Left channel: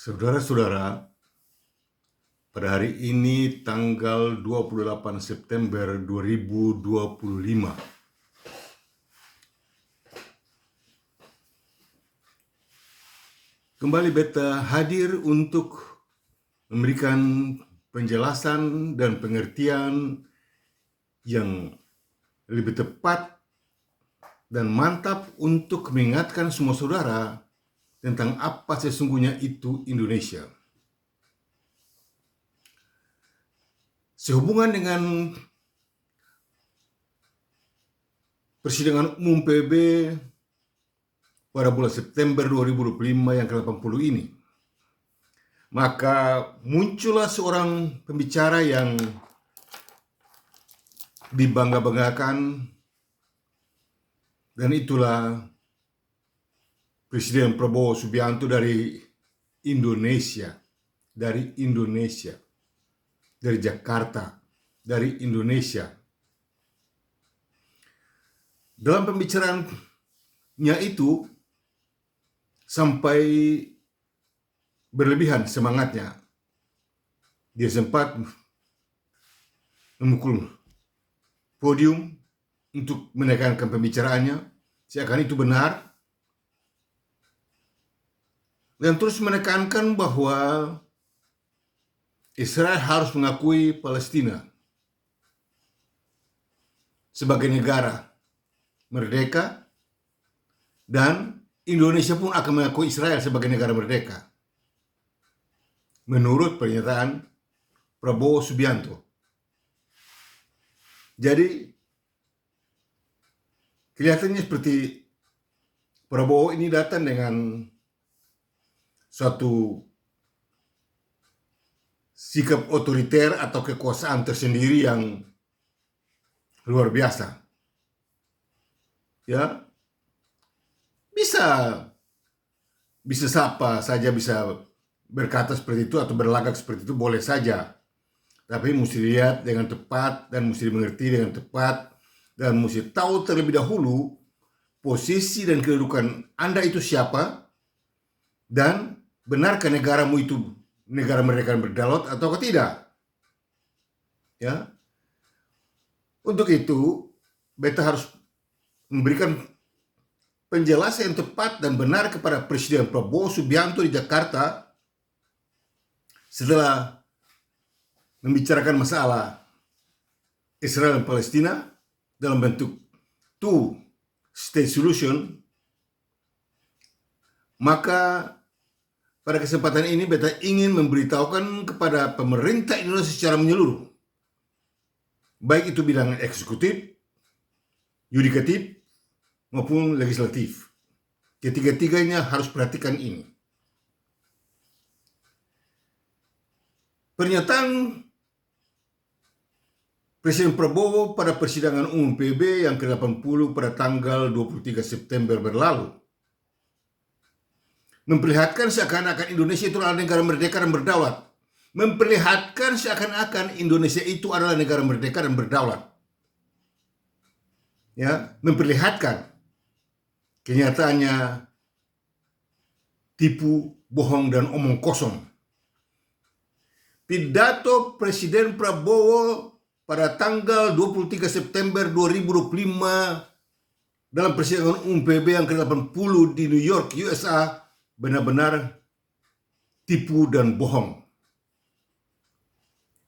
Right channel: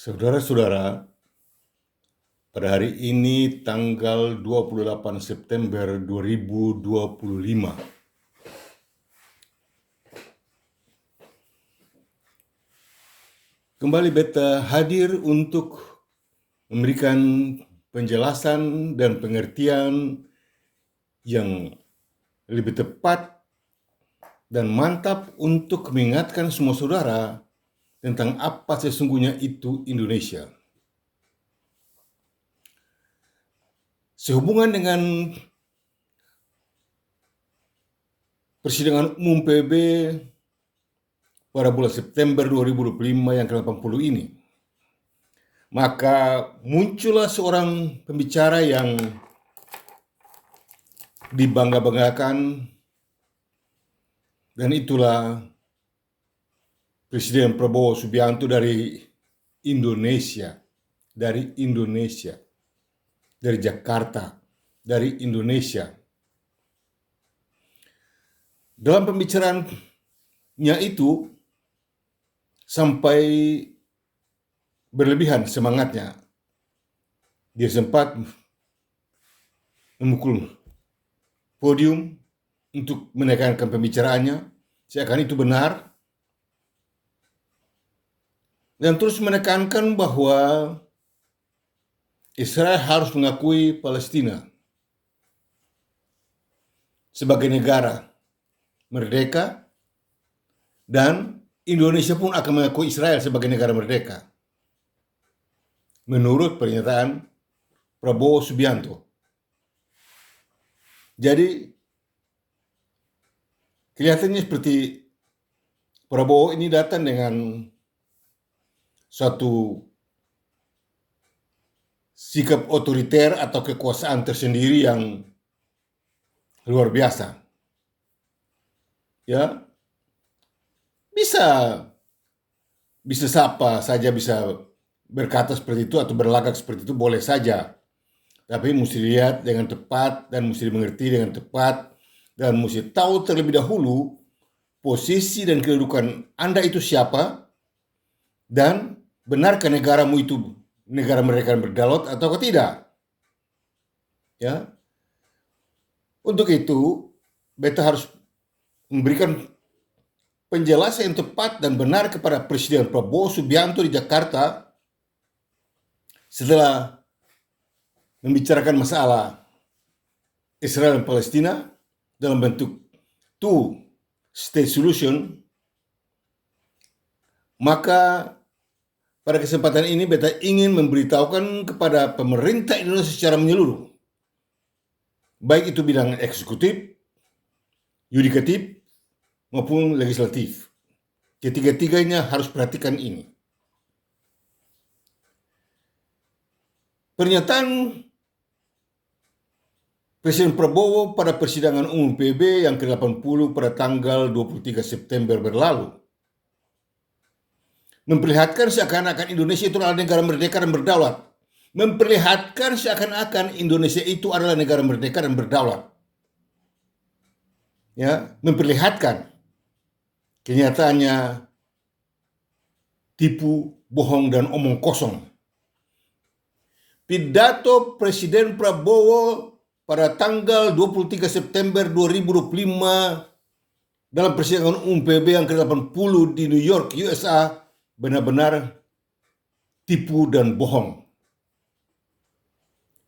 Saudara-saudara, pada hari ini tanggal 28 September 2025, kembali beta hadir untuk memberikan penjelasan dan pengertian yang lebih tepat dan mantap untuk mengingatkan semua saudara tentang apa sesungguhnya itu Indonesia. Sehubungan dengan persidangan umum PBB pada bulan September 2025 yang ke-80 ini, maka muncullah seorang pembicara yang dibangga-banggakan, dan itulah Presiden Prabowo Subianto dari Indonesia, dari Jakarta, dari Indonesia. Dalam pembicaraannya itu sampai berlebihan semangatnya. Dia sempat memukul podium untuk menekankan pembicaraannya, seakan itu benar, dan terus menekankan bahwa Israel harus mengakui Palestina sebagai negara merdeka, dan Indonesia pun akan mengakui Israel sebagai negara merdeka, menurut pernyataan Prabowo Subianto. Jadi kelihatannya seperti Prabowo ini datang dengan suatu sikap otoriter atau kekuasaan tersendiri yang luar biasa. Ya, bisa siapa saja bisa berkata seperti itu atau berlagak seperti itu, boleh saja. Tapi mesti lihat dengan tepat dan mesti dimengerti dengan tepat, dan mesti tahu terlebih dahulu posisi dan kedudukan Anda itu siapa, dan benarkah negaramu itu negara merdeka dan berdaulat atau tidak. Ya. Untuk itu, beta harus memberikan penjelasan yang tepat dan benar kepada Presiden Prabowo Subianto di Jakarta setelah membicarakan masalah Israel dan Palestina dalam bentuk two-state solution. Maka pada kesempatan ini beta ingin memberitahukan kepada pemerintah Indonesia secara menyeluruh, baik itu bidang eksekutif, yudikatif, maupun legislatif. Ketiga-tiganya harus perhatikan ini. Pernyataan Presiden Prabowo pada persidangan umum PBB yang ke-80 pada tanggal 23 September berlalu memperlihatkan seakan-akan Indonesia itu adalah negara merdeka dan berdaulat. Memperlihatkan seakan-akan Indonesia itu adalah negara merdeka dan berdaulat. Ya, memperlihatkan. Kenyataannya tipu, bohong, dan omong kosong. Pidato Presiden Prabowo pada tanggal 23 September 2025 dalam persidangan umum PBB yang ke-80 di New York, USA, benar-benar tipu dan bohong.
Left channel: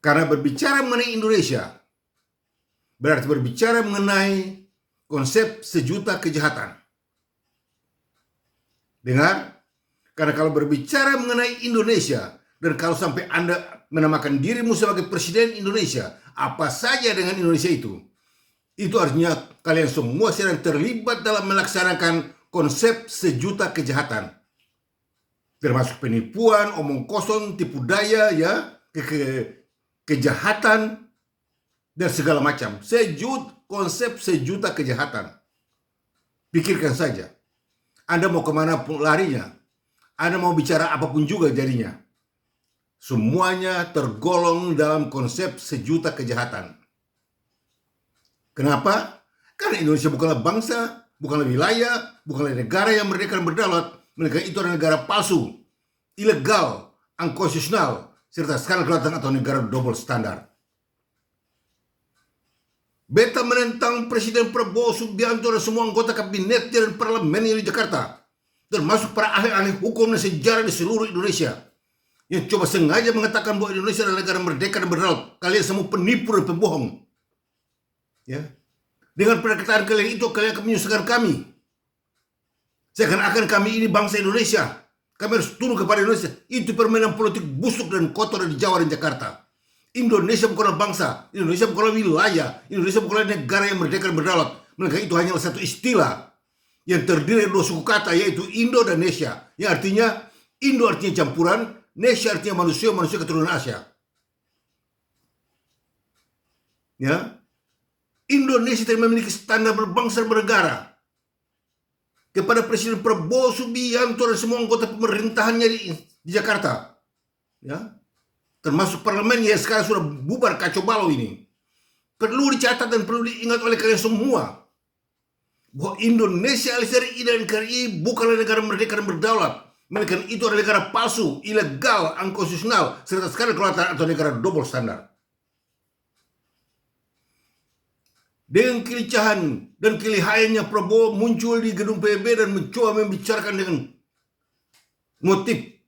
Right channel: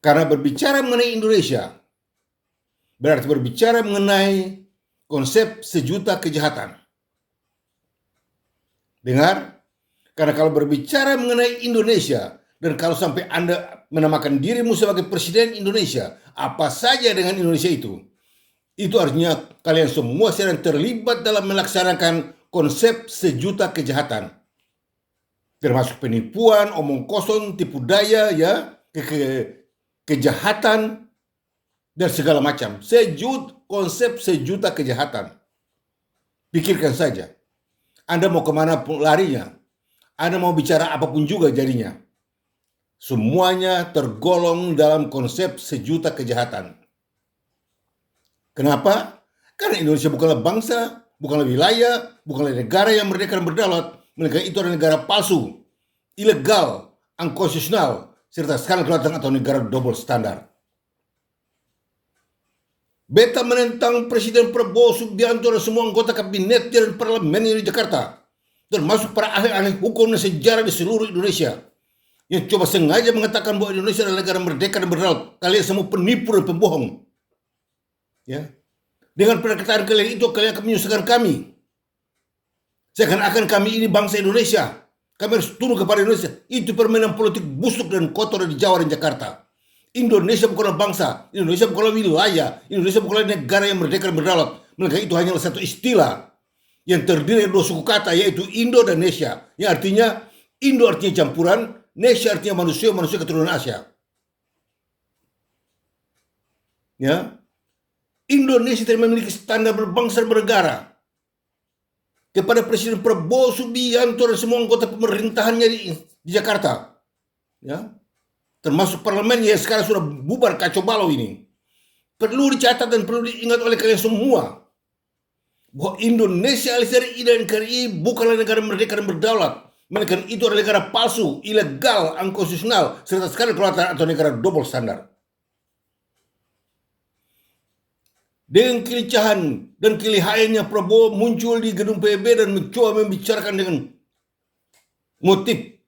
Karena berbicara mengenai Indonesia berarti berbicara mengenai konsep sejuta kejahatan. Dengar? Karena kalau berbicara mengenai Indonesia, dan kalau sampai Anda menamakan dirimu sebagai Presiden Indonesia, apa saja dengan Indonesia itu artinya kalian semua sedang terlibat dalam melaksanakan konsep sejuta kejahatan. Termasuk penipuan, omong kosong, tipu daya, ya, kejahatan, dan segala macam. Konsep sejuta kejahatan. Pikirkan saja. Anda mau kemana pun larinya. Anda mau bicara apapun juga jadinya. Semuanya tergolong dalam konsep sejuta kejahatan. Kenapa? Karena Indonesia bukanlah bangsa, bukanlah wilayah, bukanlah negara yang merdeka dan berdaulat. Mereka itu adalah negara palsu. ilegal, unconstitutional, serta skandal kelautan atau negara double standar. Beta menentang Presiden Prabowo Subianto dan semua anggota kabinet dan parlemen di Jakarta, termasuk para ahli-ahli hukum dan sejarah di seluruh Indonesia, yang coba sengaja mengatakan bahwa Indonesia adalah negara merdeka dan berdaulat. Kalian semua penipu dan pembohong. Ya, dengan perkataan kalian itu, kalian akan menyusahkan kami. Seakan-akan kami ini bangsa Indonesia. Kami harus tunduk kepada Indonesia. Itu permainan politik busuk dan kotor di Jawa dan Jakarta. Indonesia bukanlah bangsa, Indonesia bukanlah wilayah, Indonesia bukanlah negara yang merdeka dan berdaulat. Melainkan itu hanyalah satu istilah yang terdiri dari dua suku kata, yaitu Indo dan Nesia. Yang artinya, Indo artinya campuran, Nesia artinya manusia keturunan Asia. Ya, Indonesia tidak memiliki standar berbangsa dan bernegara. Kepada Presiden Prabowo Subianto dan semua anggota pemerintahannya di Jakarta, ya, termasuk parlemen yang sekarang sudah bubar kacau balau ini, perlu dicatat dan perlu diingat oleh kalian semua bahwa Indonesia alias dari NKRI bukanlah negara merdeka dan berdaulat, melainkan itu adalah negara palsu, ilegal, unconstitutional, serta skandal kelautan atau negara double standar. Dengan kelicahan dan kelihayannya, Prabowo muncul di gedung PBB dan mencoba membicarakan dengan motif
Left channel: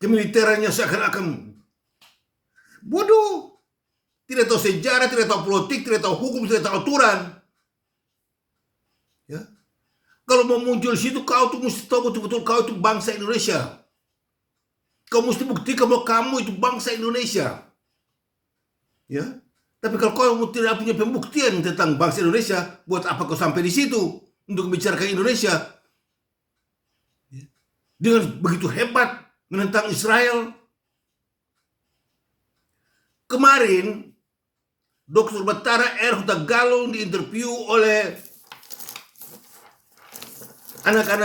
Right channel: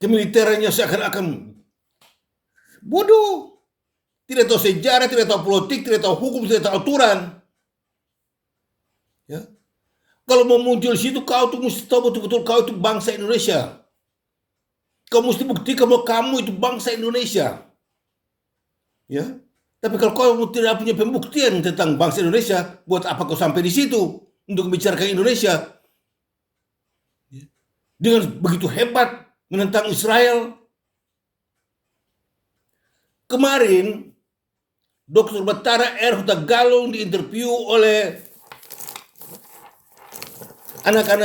kemiliterannya seakan-akan bodoh. Tidak tahu sejarah, tidak tahu politik, tidak tahu hukum, tidak tahu aturan. Ya. Kalau mau muncul di situ, kau tuh mesti tahu betul-betul kau itu bangsa Indonesia. Kau mesti buktikan bahwa kamu itu bangsa Indonesia. Ya. Tapi kalau kau tidak punya pembuktian tentang bangsa Indonesia, buat apa kau sampai di situ untuk membicarakan Indonesia? Dengan begitu hebat menentang Israel. Kemarin, Dr. Batara R. Hutagalung diinterview oleh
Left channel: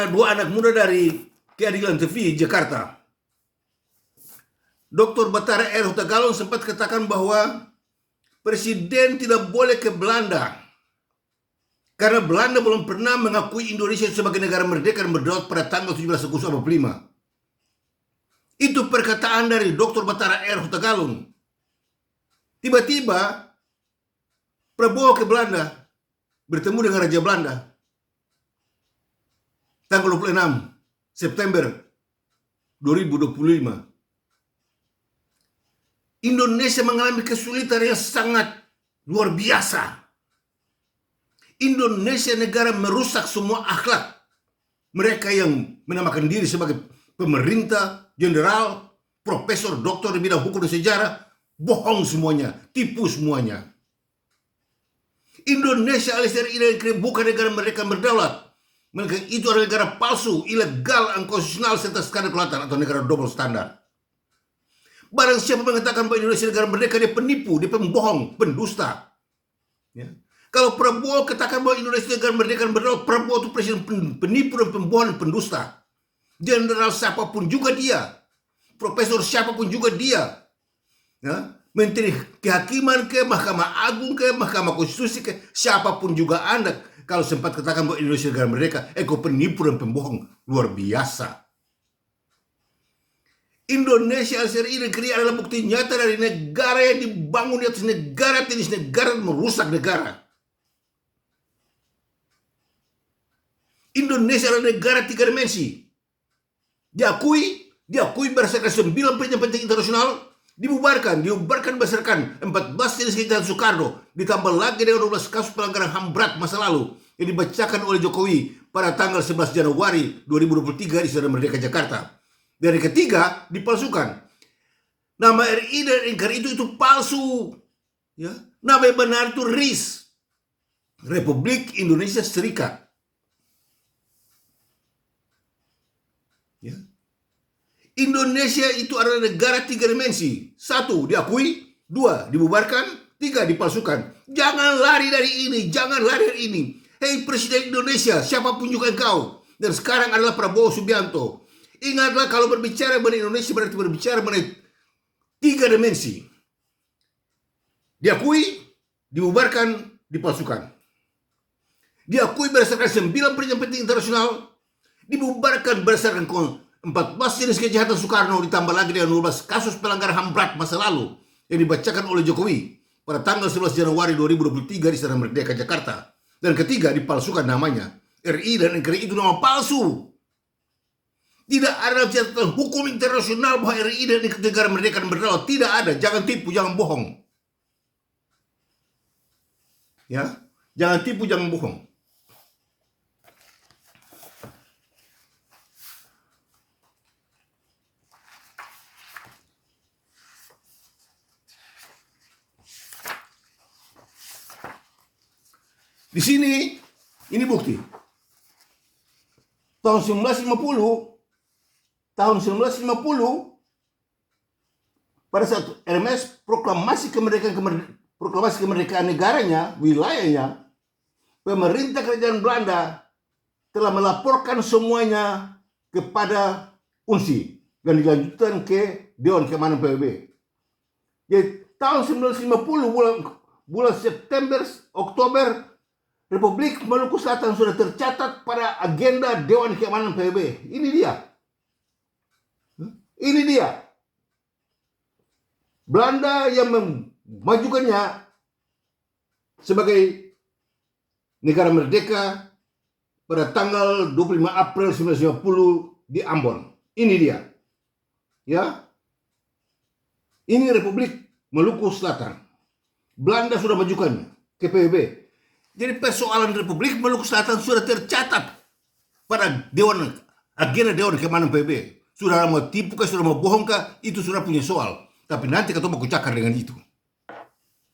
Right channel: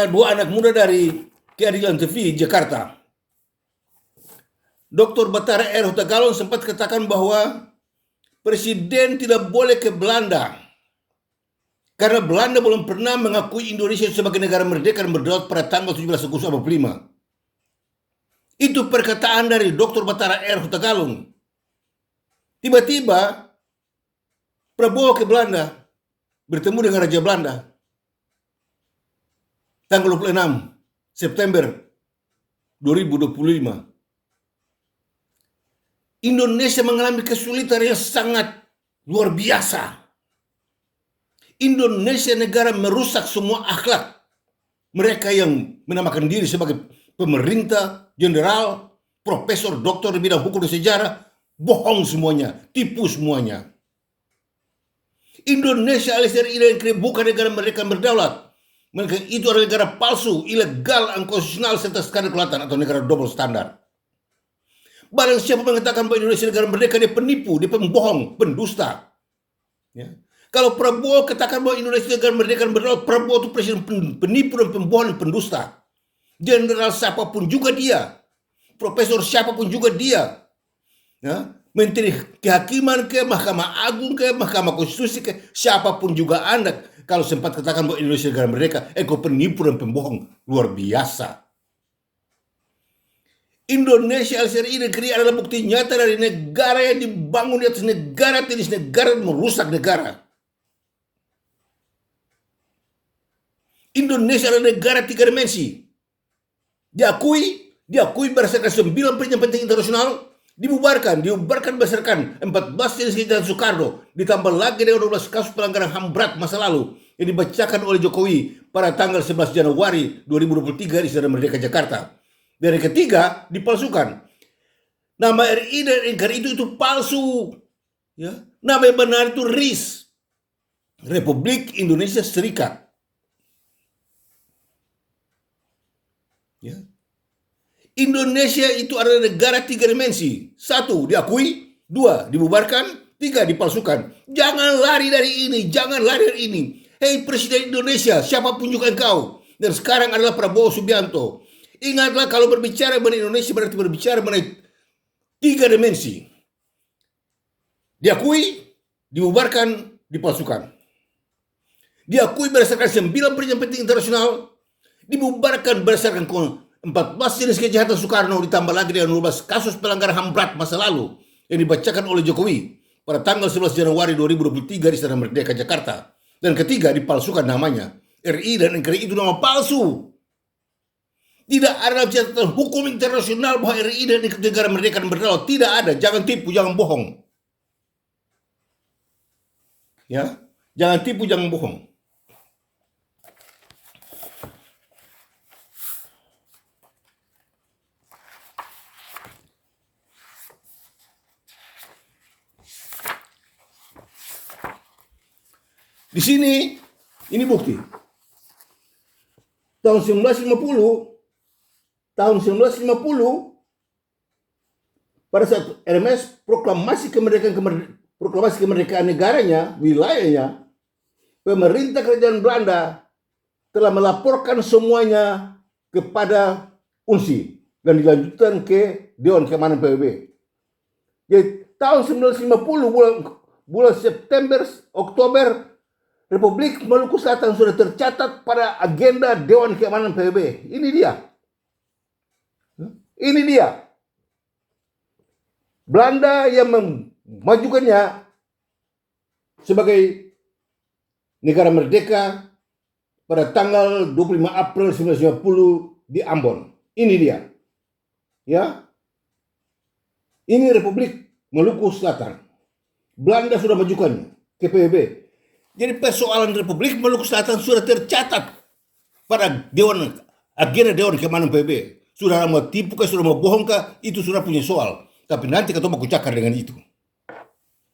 dua anak muda dari Keadilan TV Jakarta. Dr. Batara R. Hutagalung sempat katakan bahwa Presiden tidak boleh ke Belanda karena Belanda belum pernah mengakui Indonesia sebagai negara merdeka dan berdaulat pada tanggal 17 Agustus 1945. Itu perkataan dari Dr. Batara R. Hutagalung. Tiba-tiba Prabowo ke Belanda, bertemu dengan Raja Belanda tanggal 26 September 2025. Indonesia mengalami kesulitan yang sangat luar biasa. Indonesia negara merusak semua akhlak. Mereka yang menamakan diri sebagai pemerintah, jenderal, profesor, doktor di bidang hukum dan sejarah, bohong semuanya, tipu semuanya. Indonesia alias dari bukan negara merdeka berdaulat. Melainkan itu adalah negara palsu, ilegal, unconstitutional, serta skandal kelautan atau negara double standar. Barang siapa mengatakan bahwa Indonesia negara merdeka, dia penipu, dia pembohong, pendusta. Ya. Kalau Prabowo katakan bahwa Indonesia negara merdeka dan berdaulat, Prabowo itu presiden penipu dan pembohong dan pendusta. Jenderal siapapun juga dia, profesor siapapun juga dia, ya. Menteri Kehakiman ke, Mahkamah Agung ke, Mahkamah Konstitusi ke, siapapun juga Anda, kalau sempat katakan bahwa Indonesia negara merdeka, kau penipu dan pembohong luar biasa. Indonesia LCRI negeri adalah bukti nyata dari negara yang dibangun di atas negara tenis negara dan merusak negara. Indonesia adalah negara 3 dimensi. Diakui berdasarkan 9 perjanjian penting internasional, dibubarkan berdasarkan 14 jenis kejahatan Soekarno, ditambah lagi dengan 12 kasus pelanggaran HAM berat masa lalu yang dibacakan oleh Jokowi pada tanggal 11 Januari 2023 di Istana Merdeka Jakarta. Dan yang ketiga, dipalsukan. Nama RI dan NKRI itu palsu. Ya. Nama yang benar itu RIS, Republik Indonesia Serikat. Ya. Indonesia itu adalah negara 3 dimensi. 1, diakui. 2, dibubarkan. 3, dipalsukan. Jangan lari dari ini, jangan lari dari ini. Hei Presiden Indonesia, siapapun juga engkau, dan sekarang adalah Prabowo Subianto, ingatlah kalau berbicara mengenai Indonesia berarti berbicara mengenai 3 dimensi. Diakui, dibubarkan, dipalsukan. Diakui berdasarkan 9 perjanjian penting internasional, dibubarkan berdasarkan 14 14 jenis kejahatan Soekarno ditambah lagi dengan 12 kasus pelanggaran HAM berat masa lalu yang dibacakan oleh Jokowi pada tanggal 11 Januari 2023 di Istana Merdeka, Jakarta. Dan ketiga, dipalsukan namanya. RI dan NKRI itu nama palsu. Tidak ada catatan hukum internasional bahwa RI dan negara merdeka dan berdaulat. Tidak ada. Jangan tipu, jangan bohong. Ya, jangan tipu, jangan bohong. Di sini, ini bukti. Tahun 1950, pada saat RMS proklamasi kemerdekaan negaranya, wilayahnya, pemerintah kerajaan Belanda telah melaporkan semuanya kepada UNSI dan dilanjutkan ke Dewan Keamanan PBB. Jadi tahun 1950 bulan September, Oktober, Republik Maluku Selatan sudah tercatat pada agenda Dewan Keamanan PBB. Ini dia. Ini dia. Belanda yang memajukannya sebagai negara merdeka pada tanggal 25 April 1950 di Ambon. Ini dia. Ya. Ini Republik Maluku Selatan. Belanda sudah majukannya ke PBB. Jadi persoalan Republik Maluku Selatan sudah tercatat pada agenda Dewan Keamanan PBB. Sudah mau tipu kah, sudah mau bohong kah, itu sudah punya soal. Tapi nanti kita mau cakar dengan itu.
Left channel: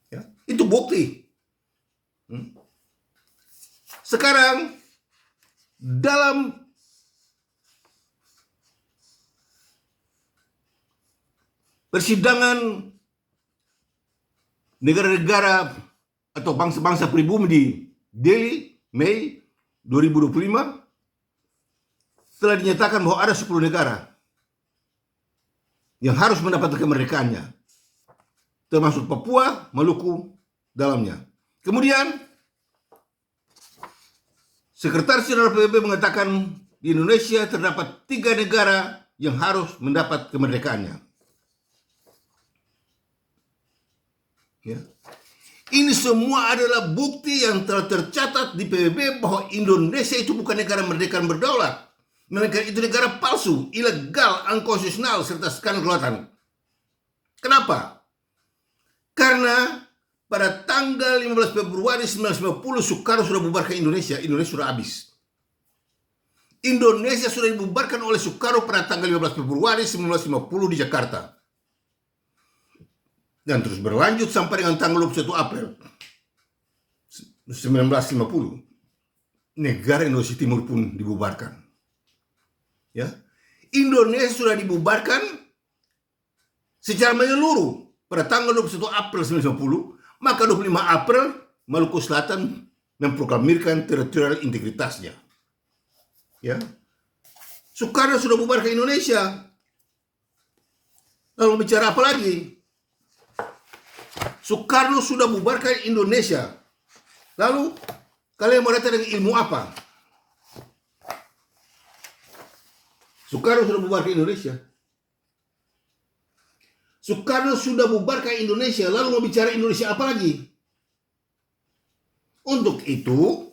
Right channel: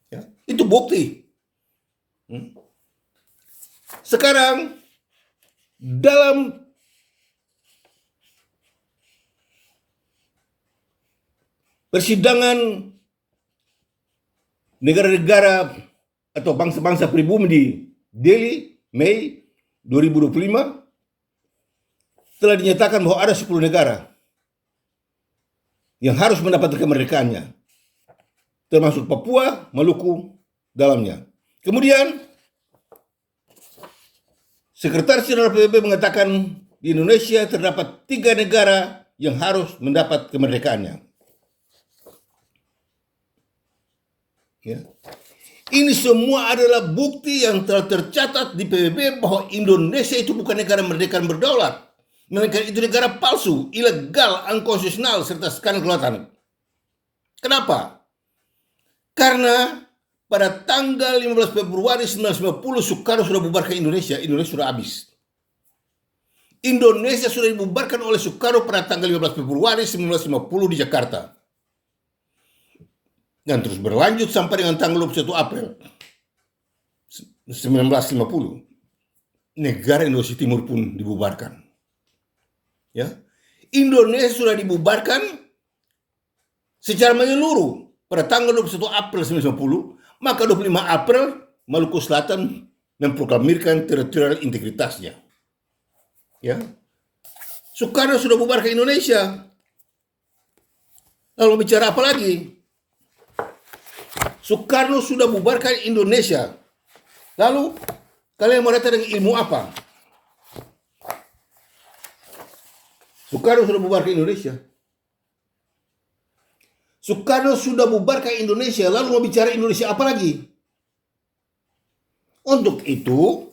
Ya, itu bukti. Sekarang dalam persidangan negara-negara atau bangsa-bangsa pribumi di Delhi, Mei 2025, telah dinyatakan bahwa ada 10 negara yang harus mendapatkan kemerdekaannya, termasuk Papua, Maluku dalamnya. Kemudian, Sekretaris Jenderal PBB mengatakan di Indonesia terdapat 3 negara yang harus mendapat kemerdekaannya. Ya. Ini semua adalah bukti yang telah tercatat di PBB bahwa Indonesia itu bukan negara merdeka dan berdaulat. Melainkan itu negara palsu, ilegal, unkonstitusional, serta skandal kelautan. Kenapa? Karena pada tanggal 15 Februari 1950 Soekarno sudah bubarkan Indonesia. Indonesia sudah habis. Indonesia sudah dibubarkan oleh Soekarno pada tanggal 15 Februari 1950 di Jakarta. Dan terus berlanjut sampai dengan tanggal 21 April 1950. Negara Indonesia Timur pun dibubarkan. Ya. Indonesia sudah dibubarkan secara menyeluruh pada tanggal 21 April 1950, maka 25 April Maluku Selatan memproklamirkan teritorial integritasnya. Ya. Soekarno sudah bubarkan Indonesia. Lalu bicara apa lagi? Soekarno sudah bubarkan Indonesia. Lalu kalian mau datang dengan ilmu apa? Soekarno sudah bubarkan Indonesia. Soekarno sudah bubarkan Indonesia. Lalu mau bicara Indonesia apa lagi? Untuk itu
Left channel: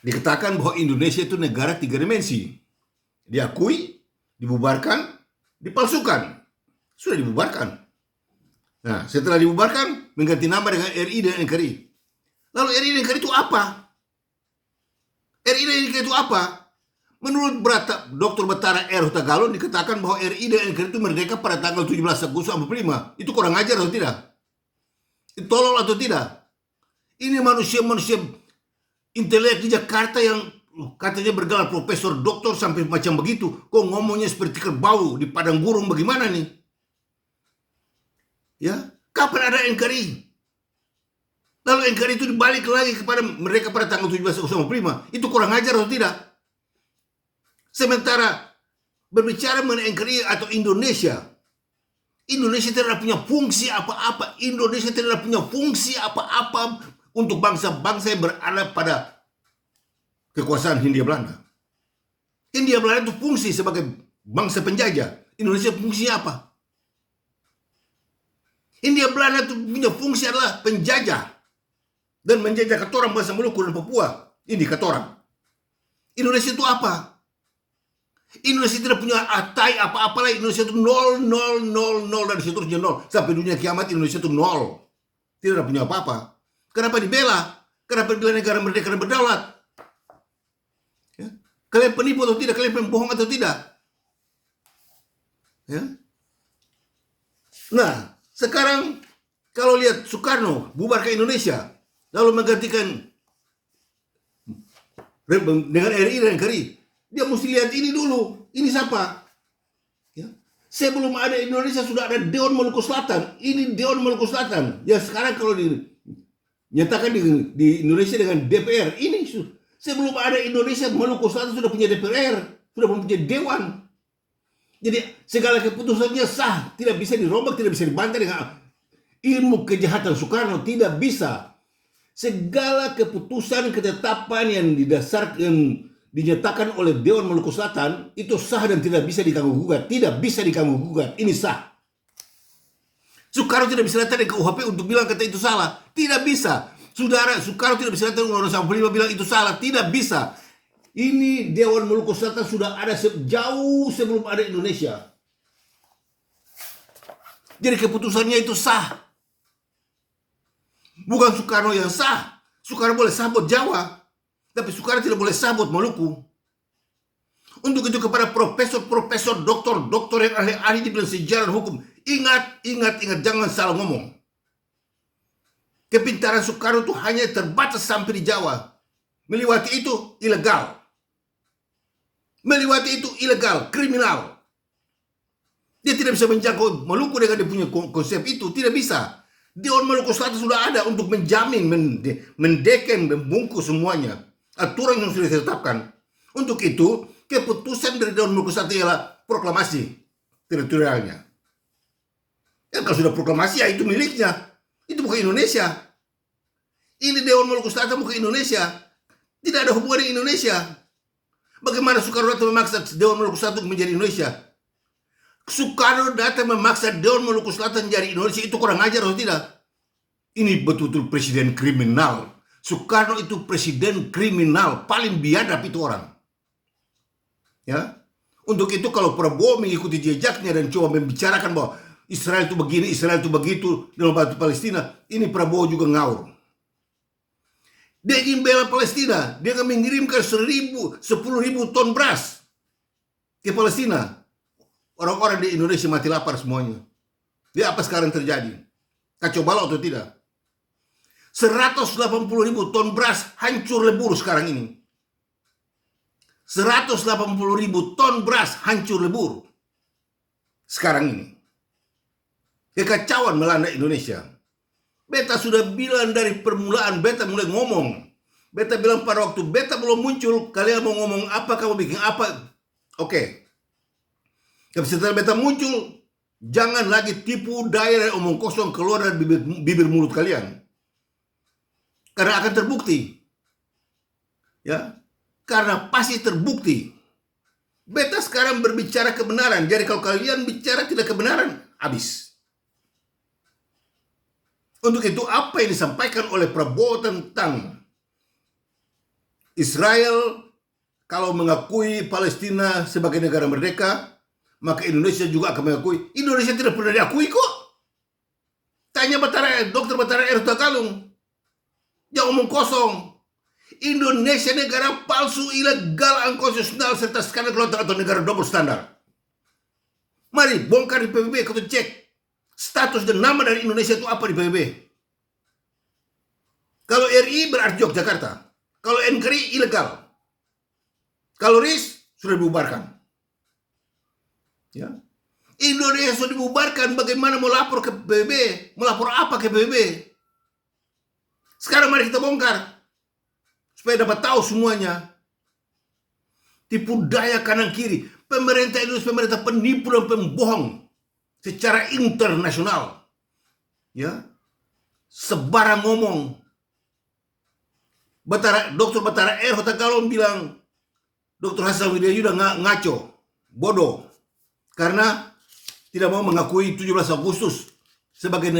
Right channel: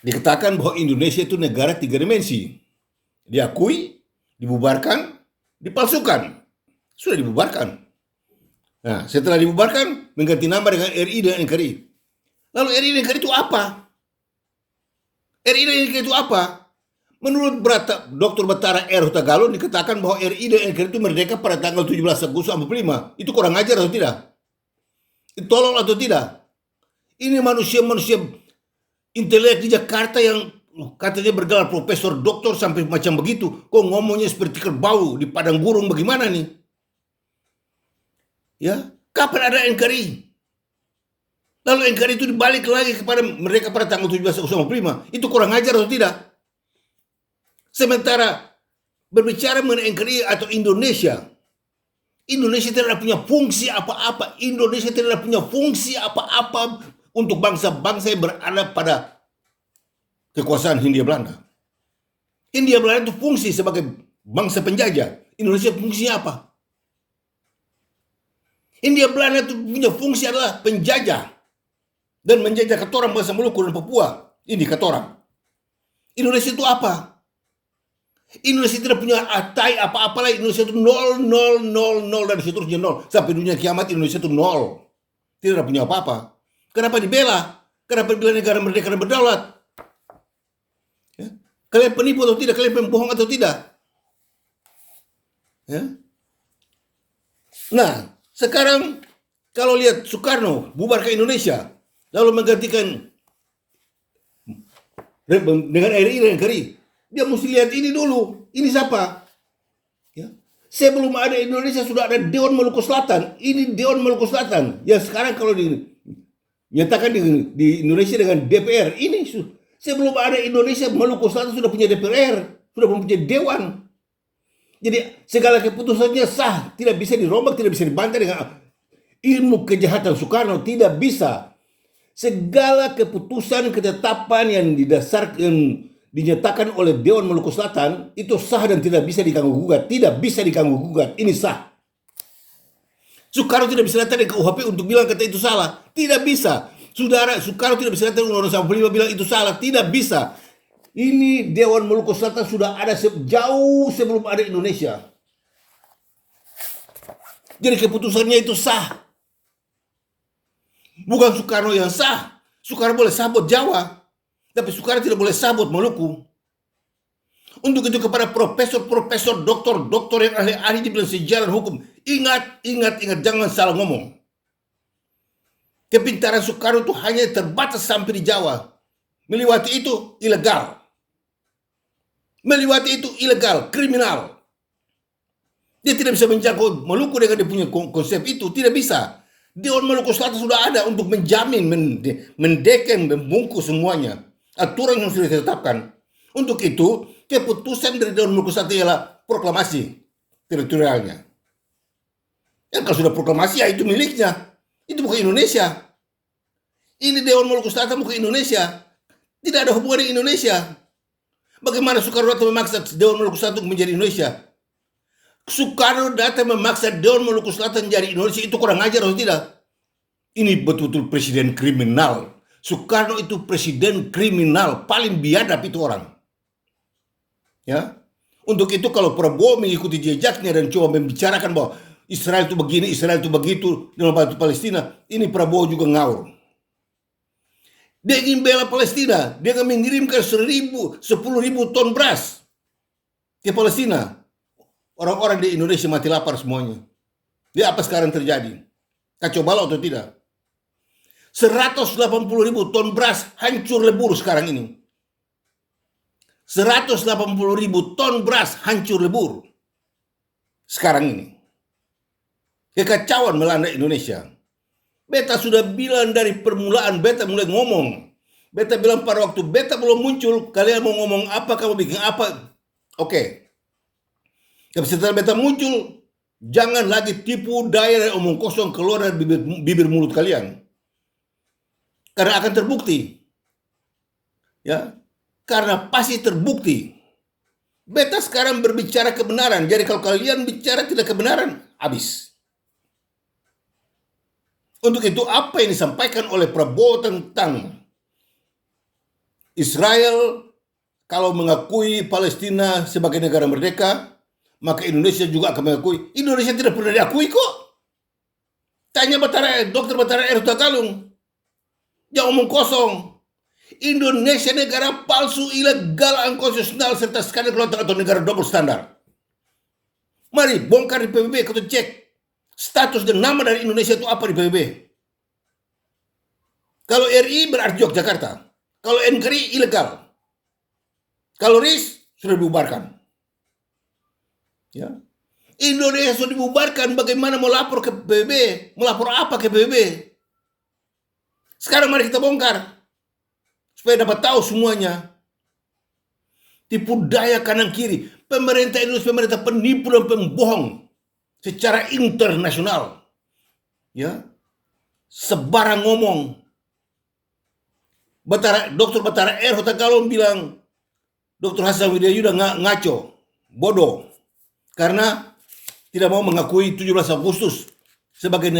dikatakan bahwa Indonesia itu negara 3 dimensi. Diakui, dibubarkan, dipalsukan. Sudah dibubarkan. Nah, setelah dibubarkan, mengganti nama dengan RI dan NKRI. Lalu RI dan NKRI itu apa? RI dan NKRI itu apa? Menurut Dr. Batara R. Hutagalung dikatakan bahwa RI dan NKRI itu merdeka pada tanggal 17 Agustus 1945. Itu kurang ajar atau tidak? Itu tolol atau tidak? Ini manusia-manusia intelek di Jakarta yang katanya bergelar profesor, doktor sampai macam begitu. Kok ngomongnya seperti kerbau di padang burung, bagaimana nih? Ya, kapan ada NKRI? Lalu NKRI itu dibalik lagi kepada mereka pada tanggal 17 Agustus 1945. Itu kurang ajar atau tidak? Sementara berbicara mengenai NKRI atau Indonesia, Indonesia tidak punya fungsi apa-apa. Indonesia tidak punya fungsi apa-apa untuk bangsa-bangsa yang berada pada kekuasaan Hindia Belanda. Hindia Belanda itu fungsi sebagai bangsa penjajah. Indonesia fungsinya apa? Hindia Belanda itu punya fungsi adalah penjajah dan menjajah katorang bangsa Maluku dan Papua. Ini katorang. Indonesia itu apa? Indonesia tidak punya atai apa-apa lagi. Indonesia itu nol, nol, nol, nol, dan seterusnya nol. Sampai dunia kiamat Indonesia itu nol. Tidak punya apa-apa. Kenapa dibela? Kenapa dibela negara merdeka dan berdaulat? Ya? Kalian penipu atau tidak? Kalian pembohong atau tidak? Ya? Nah, sekarang kalau lihat Soekarno bubar ke Indonesia, lalu menggantikan dengan RI dan NKRI, dia mesti lihat ini dulu. Ini siapa? Ya. Sebelum ada Indonesia sudah ada Dewan Maluku Selatan. Ini Dewan Maluku Selatan. Ya sekarang kalau dinyatakan di Indonesia dengan DPR, ini sebelum ada Indonesia, Maluku Selatan sudah punya DPR, sudah punya Dewan. Jadi segala keputusannya sah, tidak bisa dirombak, tidak bisa dibantah dengan ilmu kejahatan Soekarno, tidak bisa. Segala keputusan ketetapan yang didasarkan dinyatakan oleh Dewan Maluku Selatan itu sah dan tidak bisa diganggu gugat, tidak bisa diganggu gugat. Ini sah. Soekarno tidak bisa datang ke KUHP untuk bilang kata itu salah, tidak bisa. Saudara, Soekarno tidak bisa datang Undang-Undang 45 bilang itu salah, tidak bisa. Ini Dewan Maluku Selatan sudah ada jauh sebelum ada Indonesia. Jadi keputusannya itu sah. Bukan Soekarno yang sah. Soekarno boleh sah buat Jawa, tapi Soekarno tidak boleh sah buat Maluku. Untuk itu kepada profesor, doktor yang ahli di bidang sejarah dan hukum, ingat, jangan salah ngomong. Kepintaran Soekarno itu hanya terbatas sampai di Jawa. Melewati itu ilegal. Melewati itu ilegal, kriminal. Dia tidak bisa menjangkau Maluku dengan dia punya konsep itu, tidak bisa. Dewan Maluku Selatan sudah ada untuk menjamin, mendeken, membungkus semuanya. Aturan yang sudah ditetapkan. Untuk itu, keputusan dari Dewan Maluku Selatan ialah proklamasi teritorialnya. Ya kalau sudah proklamasi ya itu miliknya. Itu bukan Indonesia. Ini Dewan Maluku Selatan bukan Indonesia. Tidak ada hubungan dengan Indonesia. Bagaimana Soekarno datang memaksa Dewan Maluku Selatan menjadi Indonesia? Soekarno datang memaksa Dewan Maluku Selatan jadi Indonesia, itu kurang ajar atau tidak? Ini betul-betul presiden kriminal. Soekarno itu presiden kriminal, paling biadab itu orang. Ya, untuk itu kalau Prabowo mengikuti jejaknya dan coba membicarakan bahwa Israel itu begini, Israel itu begitu, dan membantu Palestina, ini Prabowo juga ngawur. Dia ingin bela Palestina, dia akan mengirimkan 10.000 ton beras ke Palestina. Orang-orang di Indonesia mati lapar semuanya. Dia apa sekarang terjadi? Kacau balau atau tidak? 180.000 ton beras hancur lebur sekarang ini. 180.000 ton beras hancur lebur sekarang ini. Kekacauan melanda Indonesia. Beta sudah bilang dari permulaan, beta mulai ngomong. Beta bilang pada waktu beta belum muncul, kalian mau ngomong apa, kamu bikin apa, oke. Tapi setelah beta muncul, jangan lagi tipu daya dan omong kosong keluar dari bibir mulut kalian. Karena akan terbukti. Ya, karena pasti terbukti. Beta sekarang berbicara kebenaran. Jadi kalau kalian bicara tidak kebenaran, habis. Untuk itu apa yang disampaikan oleh Prabowo tentang Israel kalau mengakui Palestina sebagai negara merdeka, maka Indonesia juga akan mengakui. Indonesia tidak pernah diakui kok. Tanya Dr. Batara R. Tagalung. Yang omong kosong. Indonesia negara palsu, ilegal, unkonstitusional, serta skandal atau negara double standar. Mari bongkar di PBB, kita cek status dan nama dari Indonesia itu apa di PBB. Kalau RI berarti Yogyakarta. Kalau NKRI ilegal. Kalau RIS sudah dibubarkan. Ya. Indonesia sudah dibubarkan, bagaimana mau lapor ke PBB? Melapor apa ke PBB? Sekarang mari kita bongkar supaya dapat tahu semuanya. Tipu daya kanan kiri. Pemerintah Indonesia pemerintah penipu dan pembohong secara internasional. Ya. Sebarang ngomong. Dr. Batara R. Tagalung bilang Dr. Hasan Widayuda ngaco, bodoh, karena tidak mau mengakui 17 Agustus sebagai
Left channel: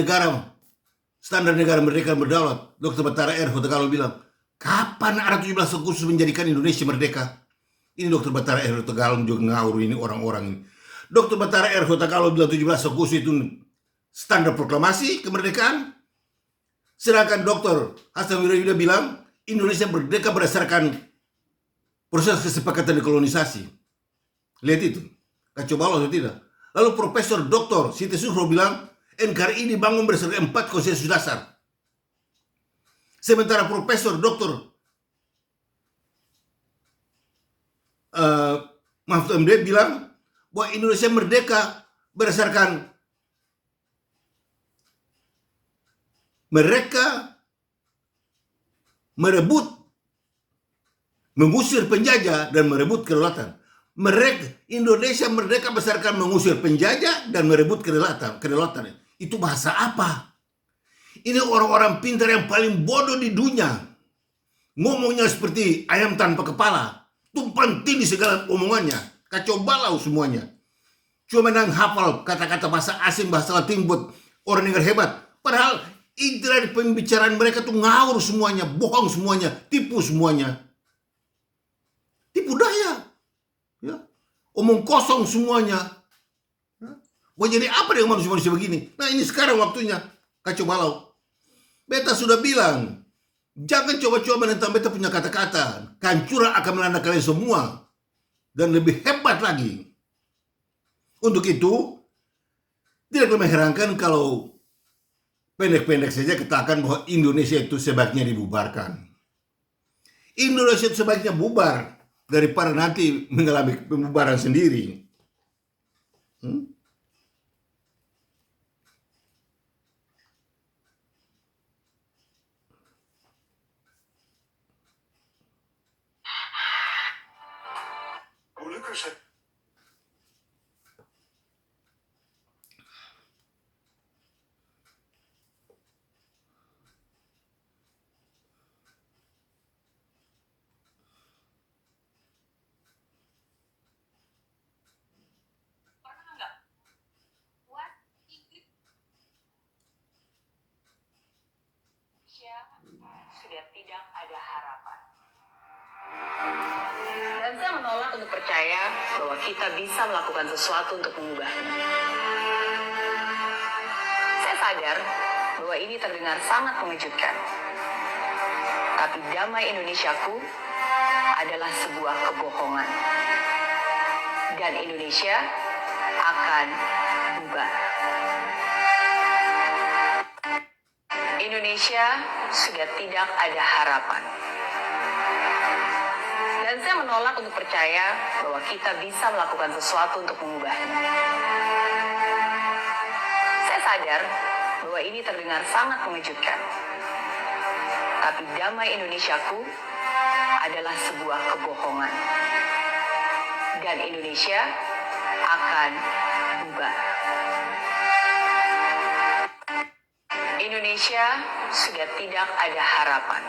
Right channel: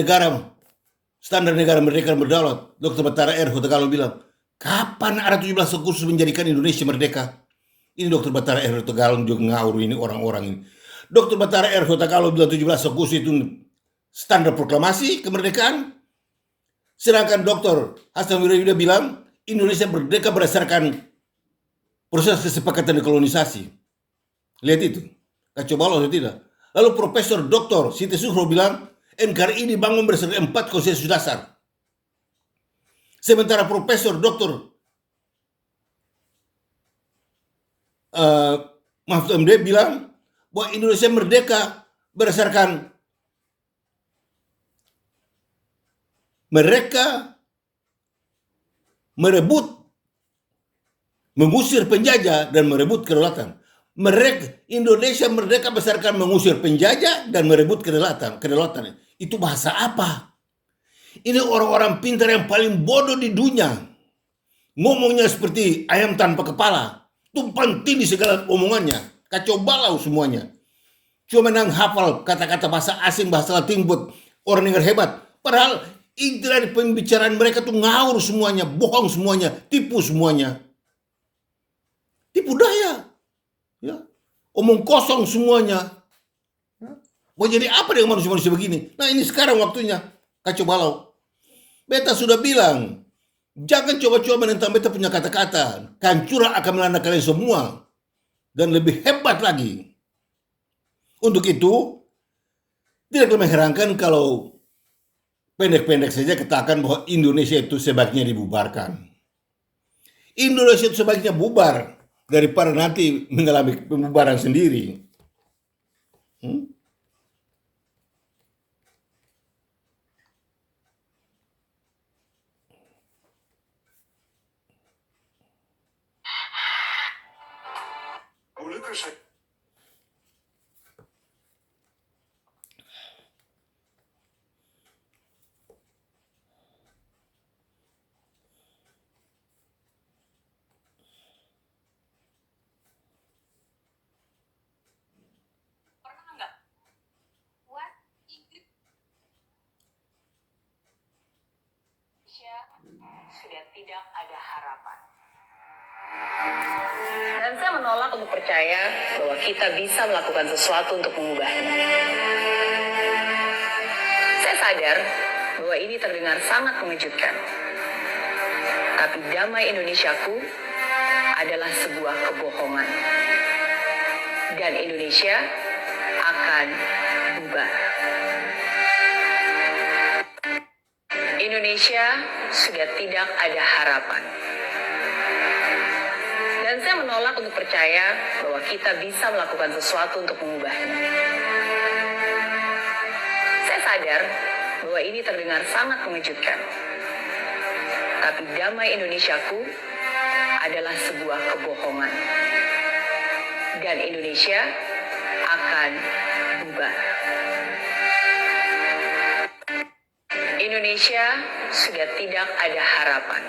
standar negara merdeka dan berdaulat. Dr. Batara R. Hotagalo bilang, kapan ada 17 Agustus menjadikan Indonesia merdeka? Ini Dr. Batara R. Hotagalo juga ngawur ini orang-orang ini. Dr. Batara R. Hotagalo bilang 17 Agustus itu standar proklamasi kemerdekaan. Sedangkan Dr. Hasan Widayuda bilang Indonesia merdeka berdasarkan proses kesepakatan dekolonisasi. Lihat itu, kacau balau atau tidak? Lalu Profesor Dr. Siti Sukro bilang NKRI dibangun berdasarkan 4 konsensus dasar. Sementara Profesor Dr. Mahfud MD bilang bahwa Indonesia merdeka berdasarkan mereka mengusir penjajah dan merebut kedaulatan. Indonesia merdeka berdasarkan mengusir penjajah dan merebut kedaulatan. Itu bahasa apa? Ini orang-orang pintar yang paling bodoh di dunia. Ngomongnya seperti ayam tanpa kepala. Tumpang tindih segala omongannya. Kacau balau semuanya. Cuma menang hafal kata-kata bahasa asing, bahasa Latin buat orang yang hebat. Padahal inti dari pembicaraan mereka tuh ngawur semuanya, bohong semuanya, tipu semuanya. Tipu daya. Ya. Omong kosong semuanya. Mau jadi apa dengan manusia-manusia begini? Nah ini sekarang waktunya. Kacau balau. Beta sudah bilang, jangan coba-coba menentang beta punya kata-kata. Kehancuran akan melanda kalian semua. Dan lebih hebat lagi. Untuk itu, tidak mengherankan kalau pendek-pendek saja katakan bahwa Indonesia itu sebaiknya dibubarkan. Indonesia itu sebaiknya bubar daripada nanti mengalami pembubaran sendiri. Sudah tidak ada harapan. Dan saya menolak untuk percaya bahwa kita bisa melakukan sesuatu untuk mengubahnya. Saya sadar bahwa ini terdengar sangat mengejutkan. Tapi damai Indonesiaku adalah sebuah kebohongan. Dan Indonesia akan bubar. Indonesia sudah tidak ada harapan. Dan saya menolak untuk percaya bahwa kita bisa melakukan sesuatu untuk mengubahnya. Saya sadar bahwa ini terdengar sangat mengejutkan. Tapi damai Indonesiaku adalah sebuah kebohongan. Dan Indonesia akan bubar. Indonesia sudah tidak ada harapan.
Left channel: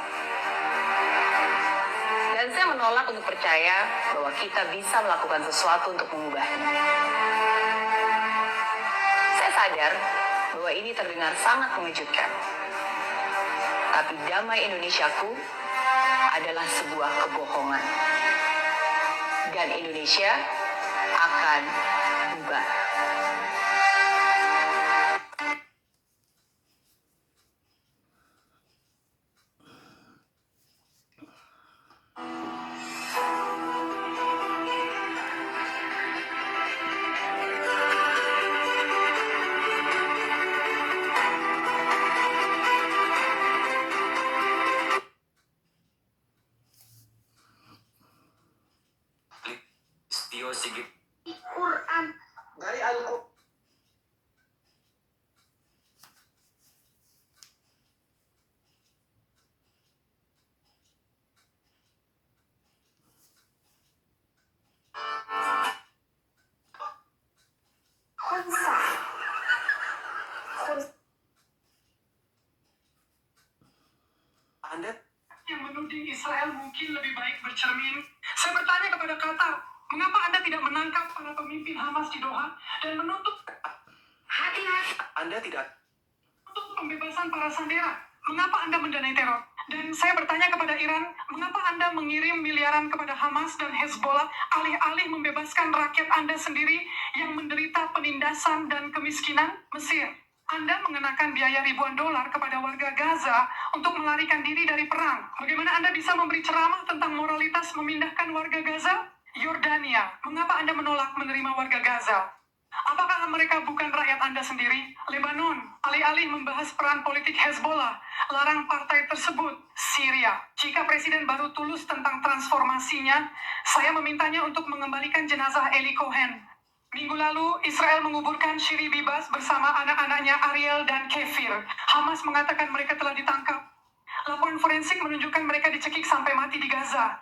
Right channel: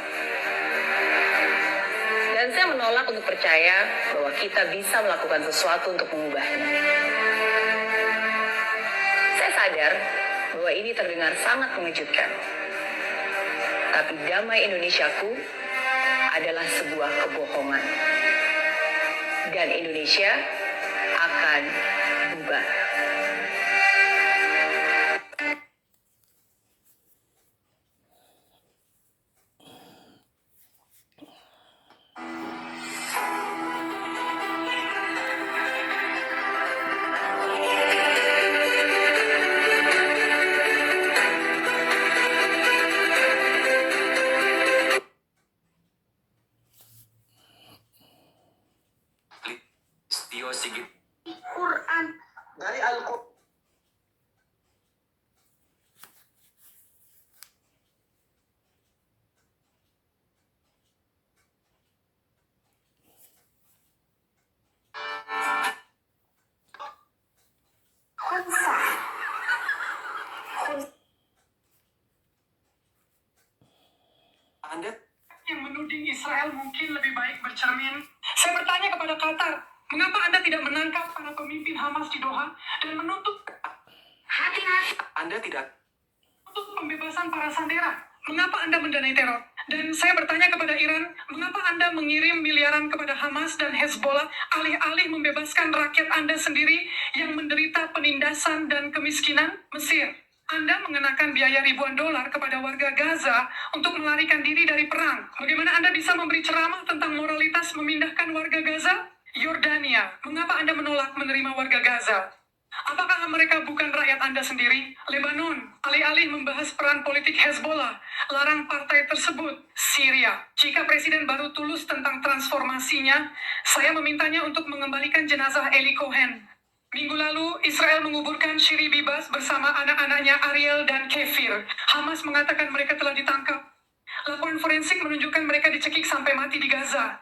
Dan saya menolak untuk percaya bahwa kita bisa melakukan sesuatu untuk mengubahnya. Saya sadar bahwa ini terdengar sangat mengejutkan. Tapi damai Indonesiaku adalah sebuah kebohongan. Dan Indonesia akan bubar. Quran dari Al-Quran. Anda yang menuding Israel mungkin lebih baik bercermin. Saya bertanya kepada kamu. Mengapa Anda tidak menangkap para pemimpin Hamas di Doha dan menuntut Hati-hati. Anda tidak untuk pembebasan para sandera? Mengapa Anda mendanai teror? Dan saya bertanya kepada Iran, mengapa Anda mengirim miliaran kepada Hamas dan Hezbollah alih-alih membebaskan rakyat Anda sendiri yang menderita penindasan dan kemiskinan? Mesir, Anda mengenakan biaya ribuan dolar kepada warga Gaza untuk melarikan diri dari perang. Bagaimana Anda bisa memberi ceramah tentang moralitas memindahkan warga Gaza? Yordania, mengapa Anda menolak menerima warga Gaza? Apakah mereka bukan rakyat Anda sendiri? Lebanon, alih-alih membahas peran politik Hezbollah, larang partai tersebut. Syria, jika Presiden baru tulus tentang transformasinya, saya memintanya untuk mengembalikan jenazah Eli Cohen. Minggu lalu, Israel menguburkan Shiri Bibas bersama anak-anaknya Ariel dan Kefir. Hamas mengatakan mereka telah ditangkap. Laporan forensik menunjukkan mereka dicekik sampai mati di Gaza.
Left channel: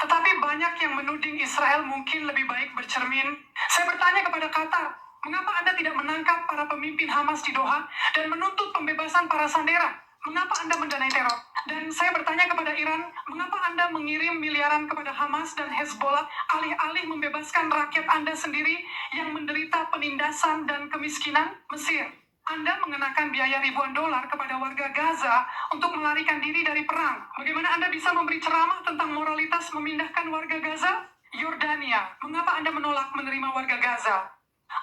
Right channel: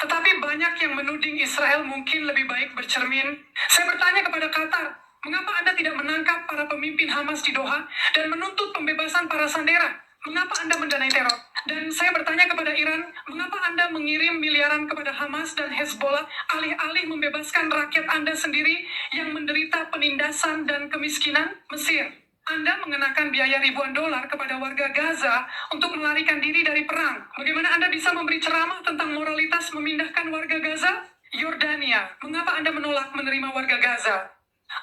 Tetapi banyak yang menuding Israel mungkin lebih baik bercermin. Saya bertanya kepada Qatar, mengapa Anda tidak menangkap para pemimpin Hamas di Doha dan menuntut pembebasan para sandera? Mengapa Anda mendanai teror? Dan saya bertanya kepada Iran, mengapa Anda mengirim miliaran kepada Hamas dan Hezbollah alih-alih membebaskan rakyat Anda sendiri yang menderita penindasan dan kemiskinan? Mesir, Anda mengenakan biaya ribuan dolar kepada warga Gaza untuk melarikan diri dari perang. Bagaimana Anda bisa memberi ceramah tentang moralitas memindahkan warga Gaza? Yordania, mengapa Anda menolak menerima warga Gaza?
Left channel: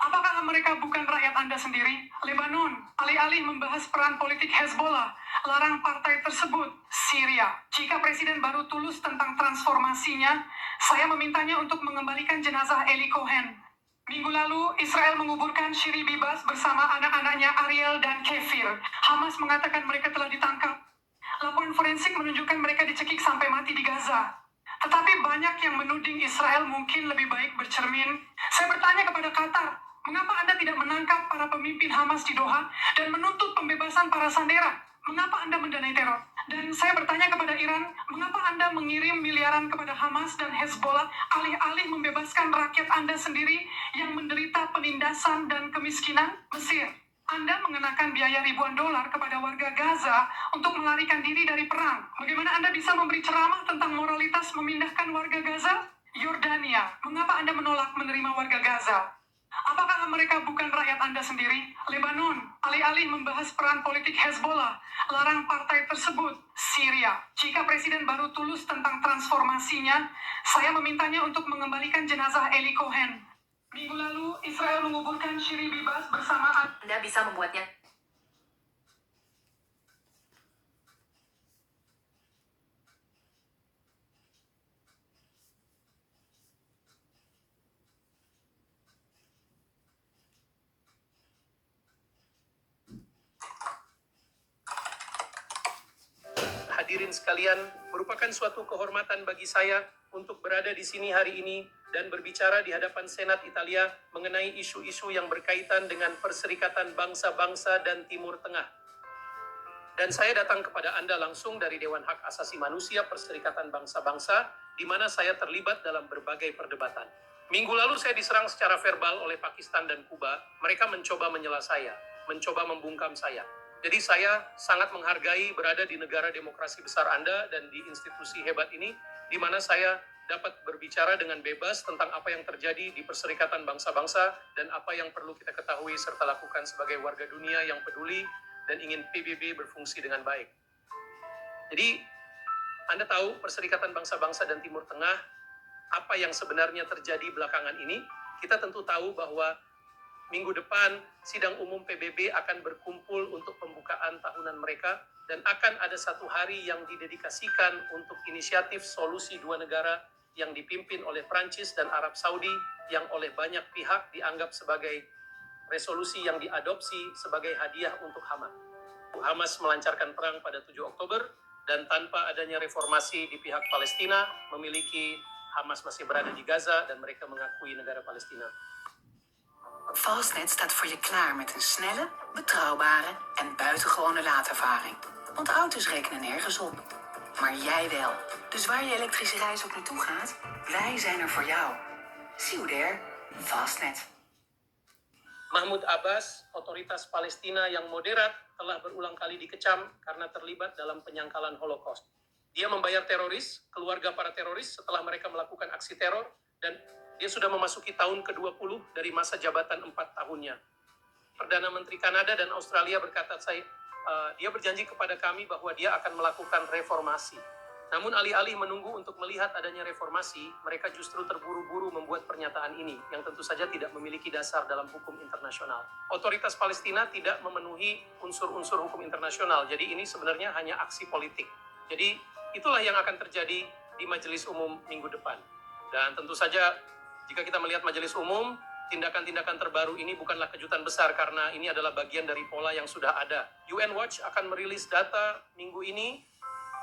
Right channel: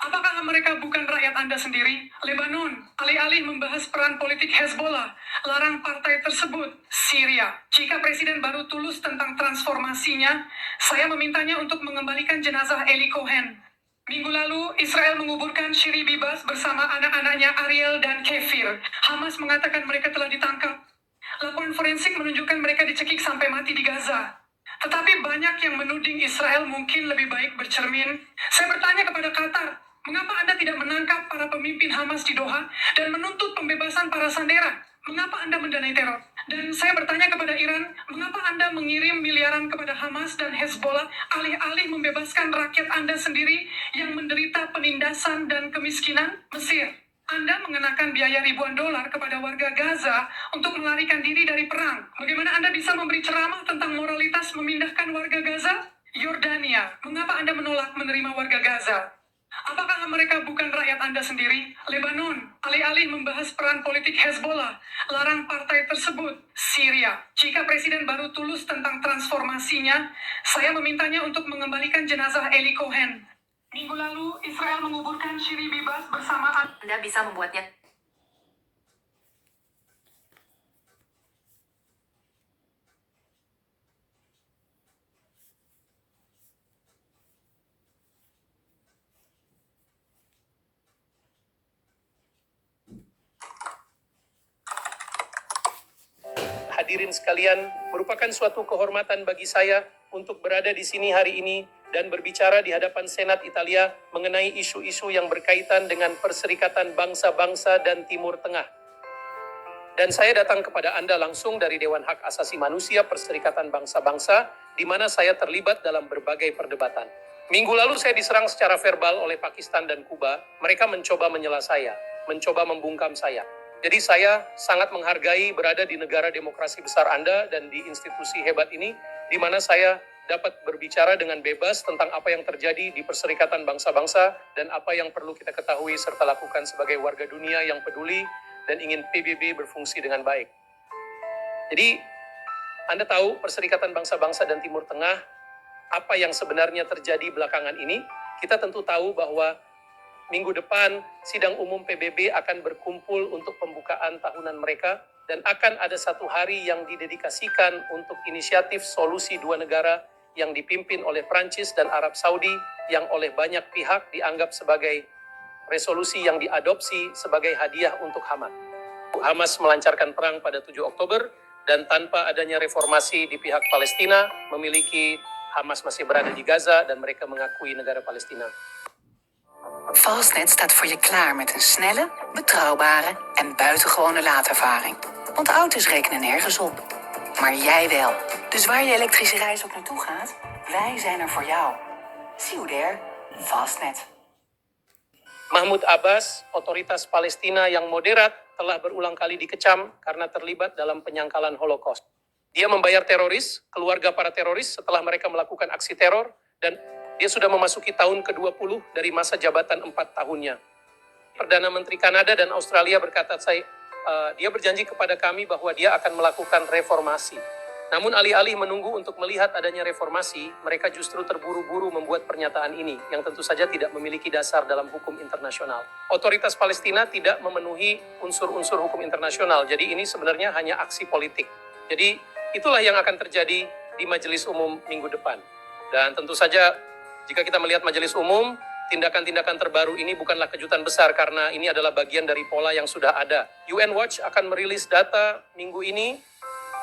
Apakah mereka bukan rakyat Anda sendiri? Lebanon, alih-alih membahas peran politik Hezbollah, larang partai tersebut. Syria, jika Presiden baru tulus tentang transformasinya, saya memintanya untuk mengembalikan jenazah Eli Cohen. Minggu lalu, Israel menguburkan Shiri Bibas bersama anak-anaknya Ariel dan Kefir. Hamas mengatakan mereka telah ditangkap. Laporan forensik menunjukkan mereka dicekik sampai mati di Gaza. Tetapi banyak yang menuding Israel mungkin lebih baik bercermin. Saya bertanya kepada Qatar, mengapa Anda tidak menangkap para pemimpin Hamas di Doha dan menuntut pembebasan para sandera? Mengapa Anda mendanai teror? Dan saya bertanya kepada Iran, mengapa Anda mengirim miliaran kepada Hamas dan Hezbollah alih-alih membebaskan rakyat Anda sendiri yang menderita penindasan dan kemiskinan? Mesir, Anda mengenakan biaya ribuan dolar kepada warga Gaza untuk melarikan diri dari perang. Bagaimana Anda bisa memberi ceramah tentang moralitas memindahkan warga Gaza? Yordania, mengapa Anda menolak menerima warga Gaza? Apakah mereka bukan rakyat Anda sendiri? Lebanon, alih-alih membahas peran politik Hezbollah, larang partai tersebut. Syria, jika Presiden baru tulus tentang transformasinya, saya memintanya untuk mengembalikan jenazah Eli Cohen. Minggu lalu, Israel menguburkan Shiri Bibas bersama Anda bisa membuatnya. hadirin sekalian, merupakan suatu kehormatan bagi saya untuk berada di sini hari ini dan berbicara di hadapan Senat Italia mengenai isu-isu yang berkaitan dengan Perserikatan Bangsa-Bangsa dan Timur Tengah. Dan saya datang kepada Anda langsung dari Dewan Hak Asasi Manusia Perserikatan Bangsa-Bangsa, di mana saya terlibat dalam berbagai perdebatan. Minggu lalu saya diserang secara verbal oleh Pakistan dan Kuba. Mereka mencoba menyela saya, mencoba membungkam saya. Jadi saya sangat menghargai berada di negara demokrasi besar Anda dan di institusi hebat ini, di mana saya dapat berbicara dengan bebas tentang apa yang terjadi di Perserikatan Bangsa-Bangsa dan apa yang perlu kita ketahui serta lakukan sebagai warga dunia yang peduli dan ingin PBB berfungsi dengan baik. Jadi, Anda tahu Perserikatan Bangsa-Bangsa dan Timur Tengah, apa yang sebenarnya terjadi belakangan ini? Kita tentu tahu bahwa minggu depan, sidang umum PBB akan berkumpul untuk pembukaan tahunan mereka dan akan ada satu hari yang didedikasikan untuk inisiatif solusi dua negara yang dipimpin oleh Prancis dan Arab Saudi yang oleh banyak pihak dianggap sebagai resolusi yang diadopsi sebagai hadiah untuk Hamas. Hamas melancarkan perang pada 7 Oktober dan tanpa adanya reformasi di pihak Palestina, memiliki Hamas masih berada di Gaza dan mereka mengakui negara Palestina. Fastnet staat voor je klaar met een snelle, betrouwbare en buitengewone laadervaring. Want auto's rekenen nergens op. Maar jij wel. Dus waar je elektrische reis ook naartoe gaat, wij zijn er voor jou. See you there. Fastnet. Mahmud Abbas, otoritas Palestina yang moderat, telah berulang kali dikecam karena terlibat dalam penyangkalan Holocaust. Dia membayar teroris, keluarga para teroris setelah mereka melakukan aksi teror, dan Dia sudah memasuki tahun ke-20 dari masa jabatan 4 tahunnya. Perdana Menteri Kanada dan Australia berkata, dia berjanji kepada kami bahwa dia akan melakukan reformasi. Namun alih-alih menunggu untuk melihat adanya reformasi, mereka justru terburu-buru membuat pernyataan ini, yang tentu saja tidak memiliki dasar dalam hukum internasional. Otoritas Palestina tidak memenuhi unsur-unsur hukum internasional, jadi ini sebenarnya hanya aksi politik. Jadi itulah yang akan terjadi di Majelis Umum minggu depan. Dan tentu saja, jika kita melihat Majelis Umum, tindakan-tindakan terbaru ini bukanlah kejutan besar karena ini adalah bagian dari pola yang sudah ada. UN Watch akan merilis data minggu ini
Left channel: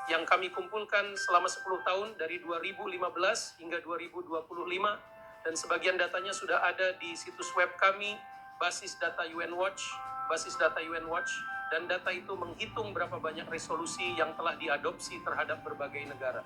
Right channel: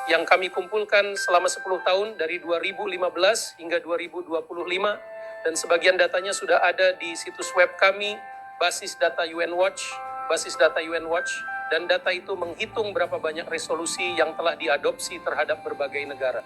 yang kami kumpulkan selama 10 tahun dari 2015 hingga 2025 dan sebagian datanya sudah ada di situs web kami, basis data UN Watch, dan data itu menghitung berapa banyak resolusi yang telah diadopsi terhadap berbagai negara.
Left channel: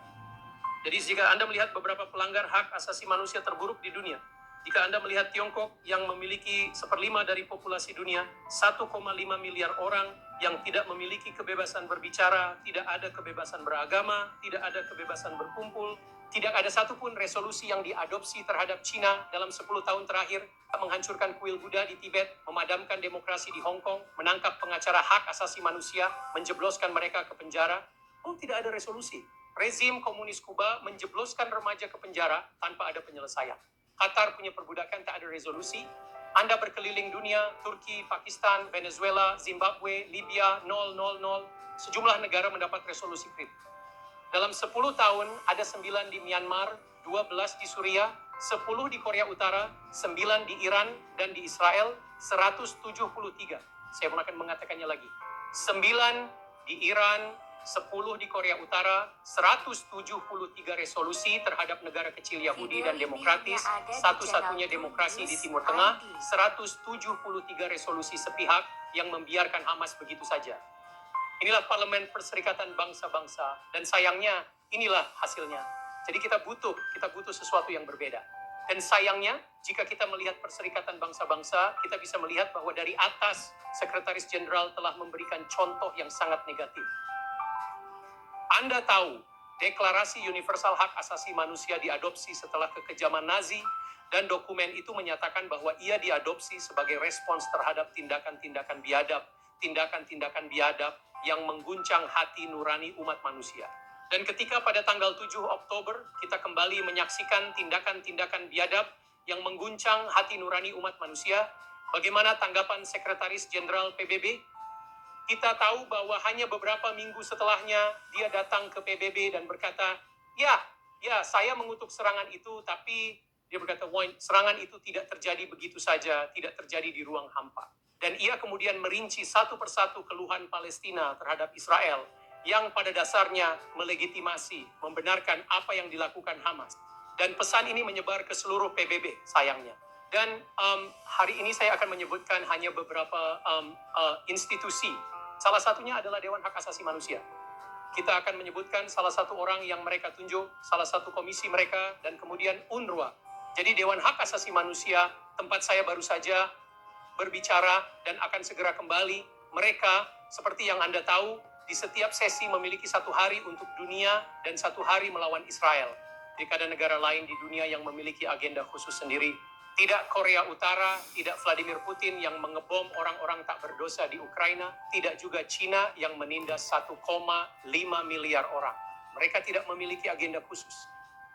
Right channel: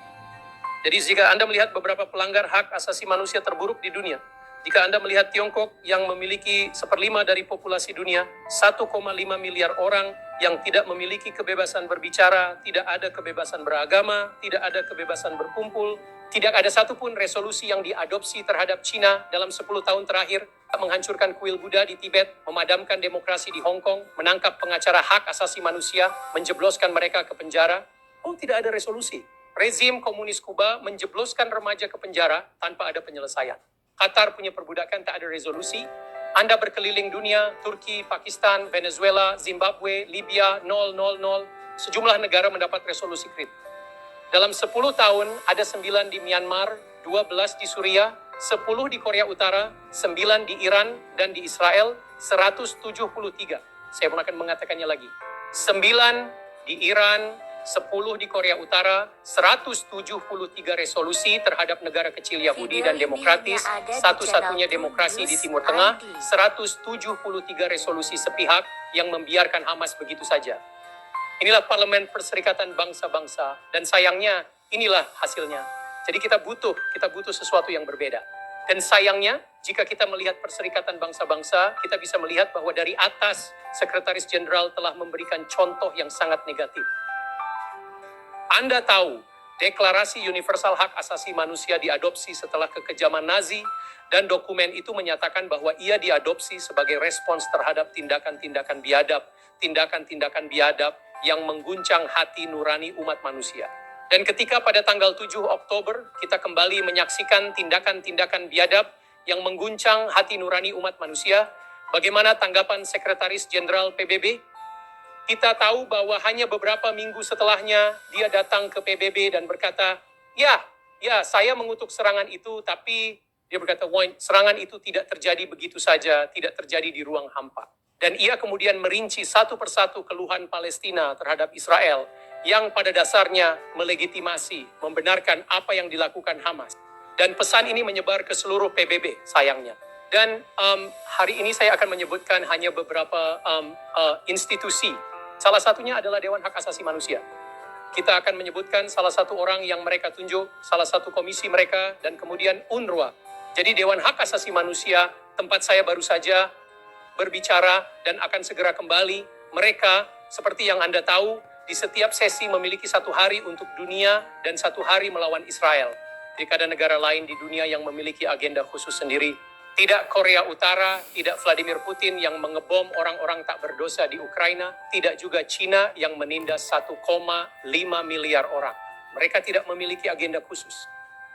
Jadi jika Anda melihat beberapa pelanggar hak asasi manusia terburuk di dunia, jika Anda melihat Tiongkok yang memiliki 1/5 dari populasi dunia, 1,5 miliar orang yang tidak memiliki kebebasan berbicara, tidak ada kebebasan beragama, tidak ada kebebasan berkumpul, tidak ada satupun resolusi yang diadopsi terhadap Cina dalam 10 tahun terakhir, menghancurkan kuil Buddha di Tibet, memadamkan demokrasi di Hong Kong, menangkap pengacara hak asasi manusia, menjebloskan mereka ke penjara. Tidak ada resolusi. Rezim komunis Kuba menjebloskan remaja ke penjara tanpa ada penyelesaian. Qatar punya perbudakan, tak ada resolusi. Anda berkeliling dunia, Turki, Pakistan, Venezuela, Zimbabwe, Libya, 000, sejumlah negara mendapat resolusi kritis. Dalam 10 tahun, ada 9 di Myanmar, 12 di Suriah, 10 di Korea Utara, 9 di Iran, dan di Israel, 173. Saya akan mengatakannya lagi. 9 di Iran, 10 di Korea Utara, 173 resolusi terhadap negara kecil Yahudi dan demokratis, satu-satunya demokrasi di Timur Tengah, 173 resolusi sepihak yang membiarkan Hamas begitu saja. Inilah Parlemen Perserikatan Bangsa-Bangsa, dan sayangnya inilah hasilnya. Jadi kita butuh sesuatu yang berbeda. Dan sayangnya, jika kita melihat Perserikatan Bangsa-Bangsa, kita bisa melihat bahwa dari atas, Sekretaris Jenderal telah memberikan contoh yang sangat negatif. Anda tahu, Deklarasi Universal Hak Asasi Manusia diadopsi setelah kekejaman Nazi, dan dokumen itu menyatakan bahwa ia diadopsi sebagai respons terhadap tindakan-tindakan biadab yang mengguncang hati nurani umat manusia. Dan ketika pada tanggal 7 Oktober, kita kembali menyaksikan tindakan-tindakan biadab yang mengguncang hati nurani umat manusia, bagaimana tanggapan Sekretaris Jenderal PBB? Kita tahu bahwa hanya beberapa minggu setelahnya dia datang ke PBB dan berkata, ya, saya mengutuk serangan itu, tapi dia berkata, serangan itu tidak terjadi begitu saja, tidak terjadi di ruang hampa. Dan ia kemudian merinci satu persatu keluhan Palestina terhadap Israel yang pada dasarnya melegitimasi, membenarkan apa yang dilakukan Hamas. Dan pesan ini menyebar ke seluruh PBB, sayangnya. Dan hari ini saya akan menyebutkan hanya beberapa institusi. Salah satunya adalah Dewan Hak Asasi Manusia. Kita akan menyebutkan salah satu orang yang mereka tunjuk, salah satu komisi mereka, dan kemudian UNRWA. Jadi Dewan Hak Asasi Manusia, tempat saya baru saja berbicara dan akan segera kembali. Mereka, seperti yang Anda tahu, di setiap sesi memiliki 1 hari untuk dunia dan 1 hari melawan Israel. Jika ada negara lain di dunia yang memiliki agenda khusus sendiri, tidak Korea Utara, tidak Vladimir Putin yang mengebom orang-orang tak berdosa di Ukraina, tidak juga Cina yang menindas 1,5 miliar orang. Mereka tidak memiliki agenda khusus.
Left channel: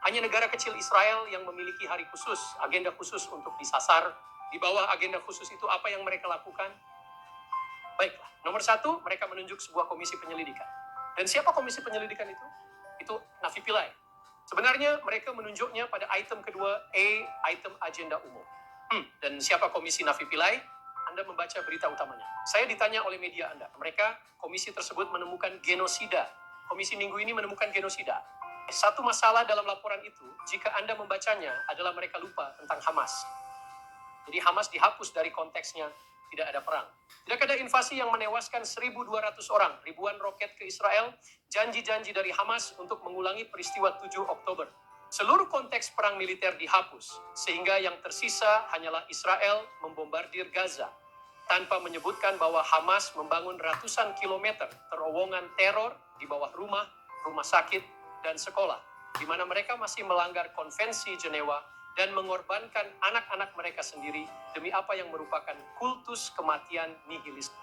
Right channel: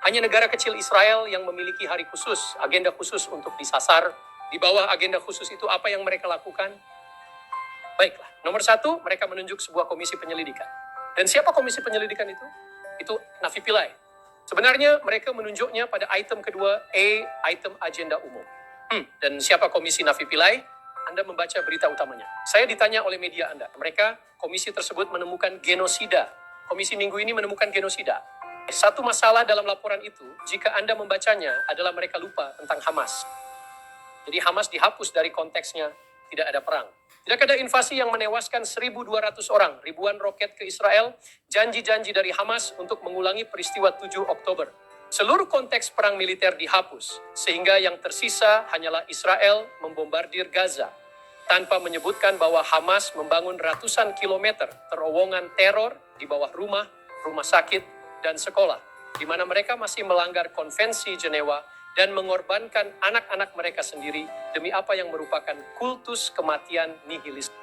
Hanya negara kecil Israel yang memiliki hari khusus, agenda khusus untuk disasar. Di bawah agenda khusus itu apa yang mereka lakukan? Baiklah, nomor 1, mereka menunjuk sebuah komisi penyelidikan. Dan siapa komisi penyelidikan itu? Itu Nafi Pillay. Sebenarnya mereka menunjuknya pada item kedua, item agenda umum. Dan siapa komisi Nafi Pillay? Anda membaca berita utamanya. Saya ditanya oleh media Anda. Komisi tersebut menemukan genosida. Komisi minggu ini menemukan genosida. Satu masalah dalam laporan itu, jika Anda membacanya, adalah mereka lupa tentang Hamas. Jadi Hamas dihapus dari konteksnya, tidak ada perang. Tidak ada invasi yang menewaskan 1.200 orang, ribuan roket ke Israel, janji-janji dari Hamas untuk mengulangi peristiwa 7 Oktober. Seluruh konteks perang militer dihapus, sehingga yang tersisa hanyalah Israel membombardir Gaza, tanpa menyebutkan bahwa Hamas membangun ratusan kilometer terowongan teror di bawah rumah sakit, dan sekolah, di mana mereka masih melanggar konvensi Jenewa dan mengorbankan anak-anak mereka sendiri demi apa yang merupakan kultus kematian nihilistik.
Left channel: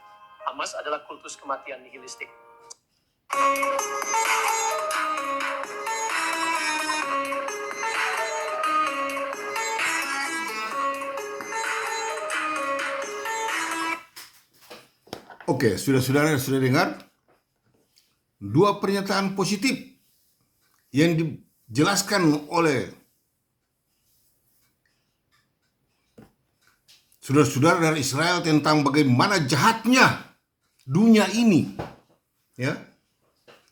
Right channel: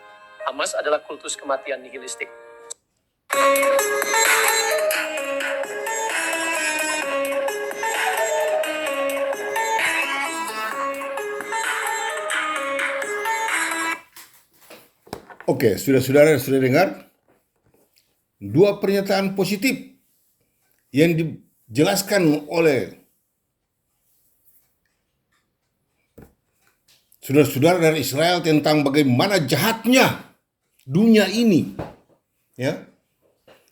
Hamas adalah kultus kematian nihilistik. Oke, saudara-saudara sudah dengar dua pernyataan positif yang dijelaskan oleh saudara-saudara dari Israel tentang bagaimana jahatnya dunia ini. Ya.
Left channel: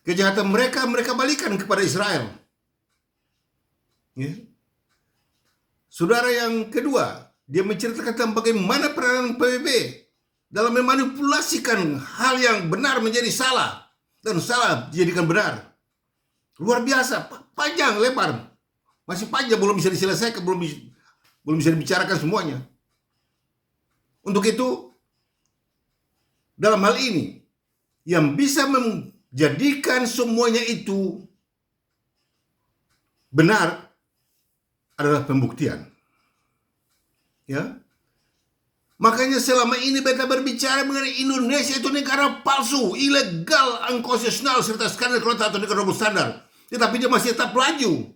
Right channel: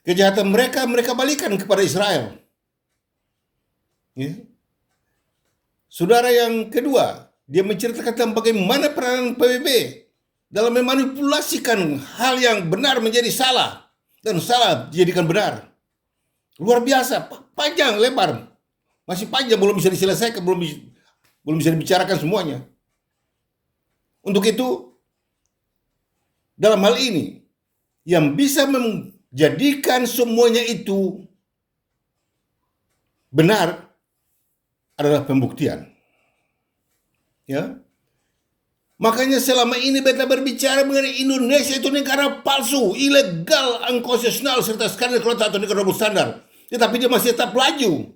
Kejahatan mereka balikan kepada Israel. Ya. Saudara yang kedua, dia menceritakan tentang bagaimana peranan PBB dalam memanipulasikan hal yang benar menjadi salah dan salah dijadikan benar. Luar biasa, panjang lebar, masih panjang, belum bisa diselesaikan, belum bisa dibicarakan semuanya. Untuk itu, dalam hal ini yang bisa menjadikan semuanya itu benar adalah pembuktian. Ya. Makanya selama ini beta berbicara mengenai Indonesia itu negara palsu, ilegal, unconstitutional, serta skandal atau negara double standar. Tetapi dia masih tetap laju.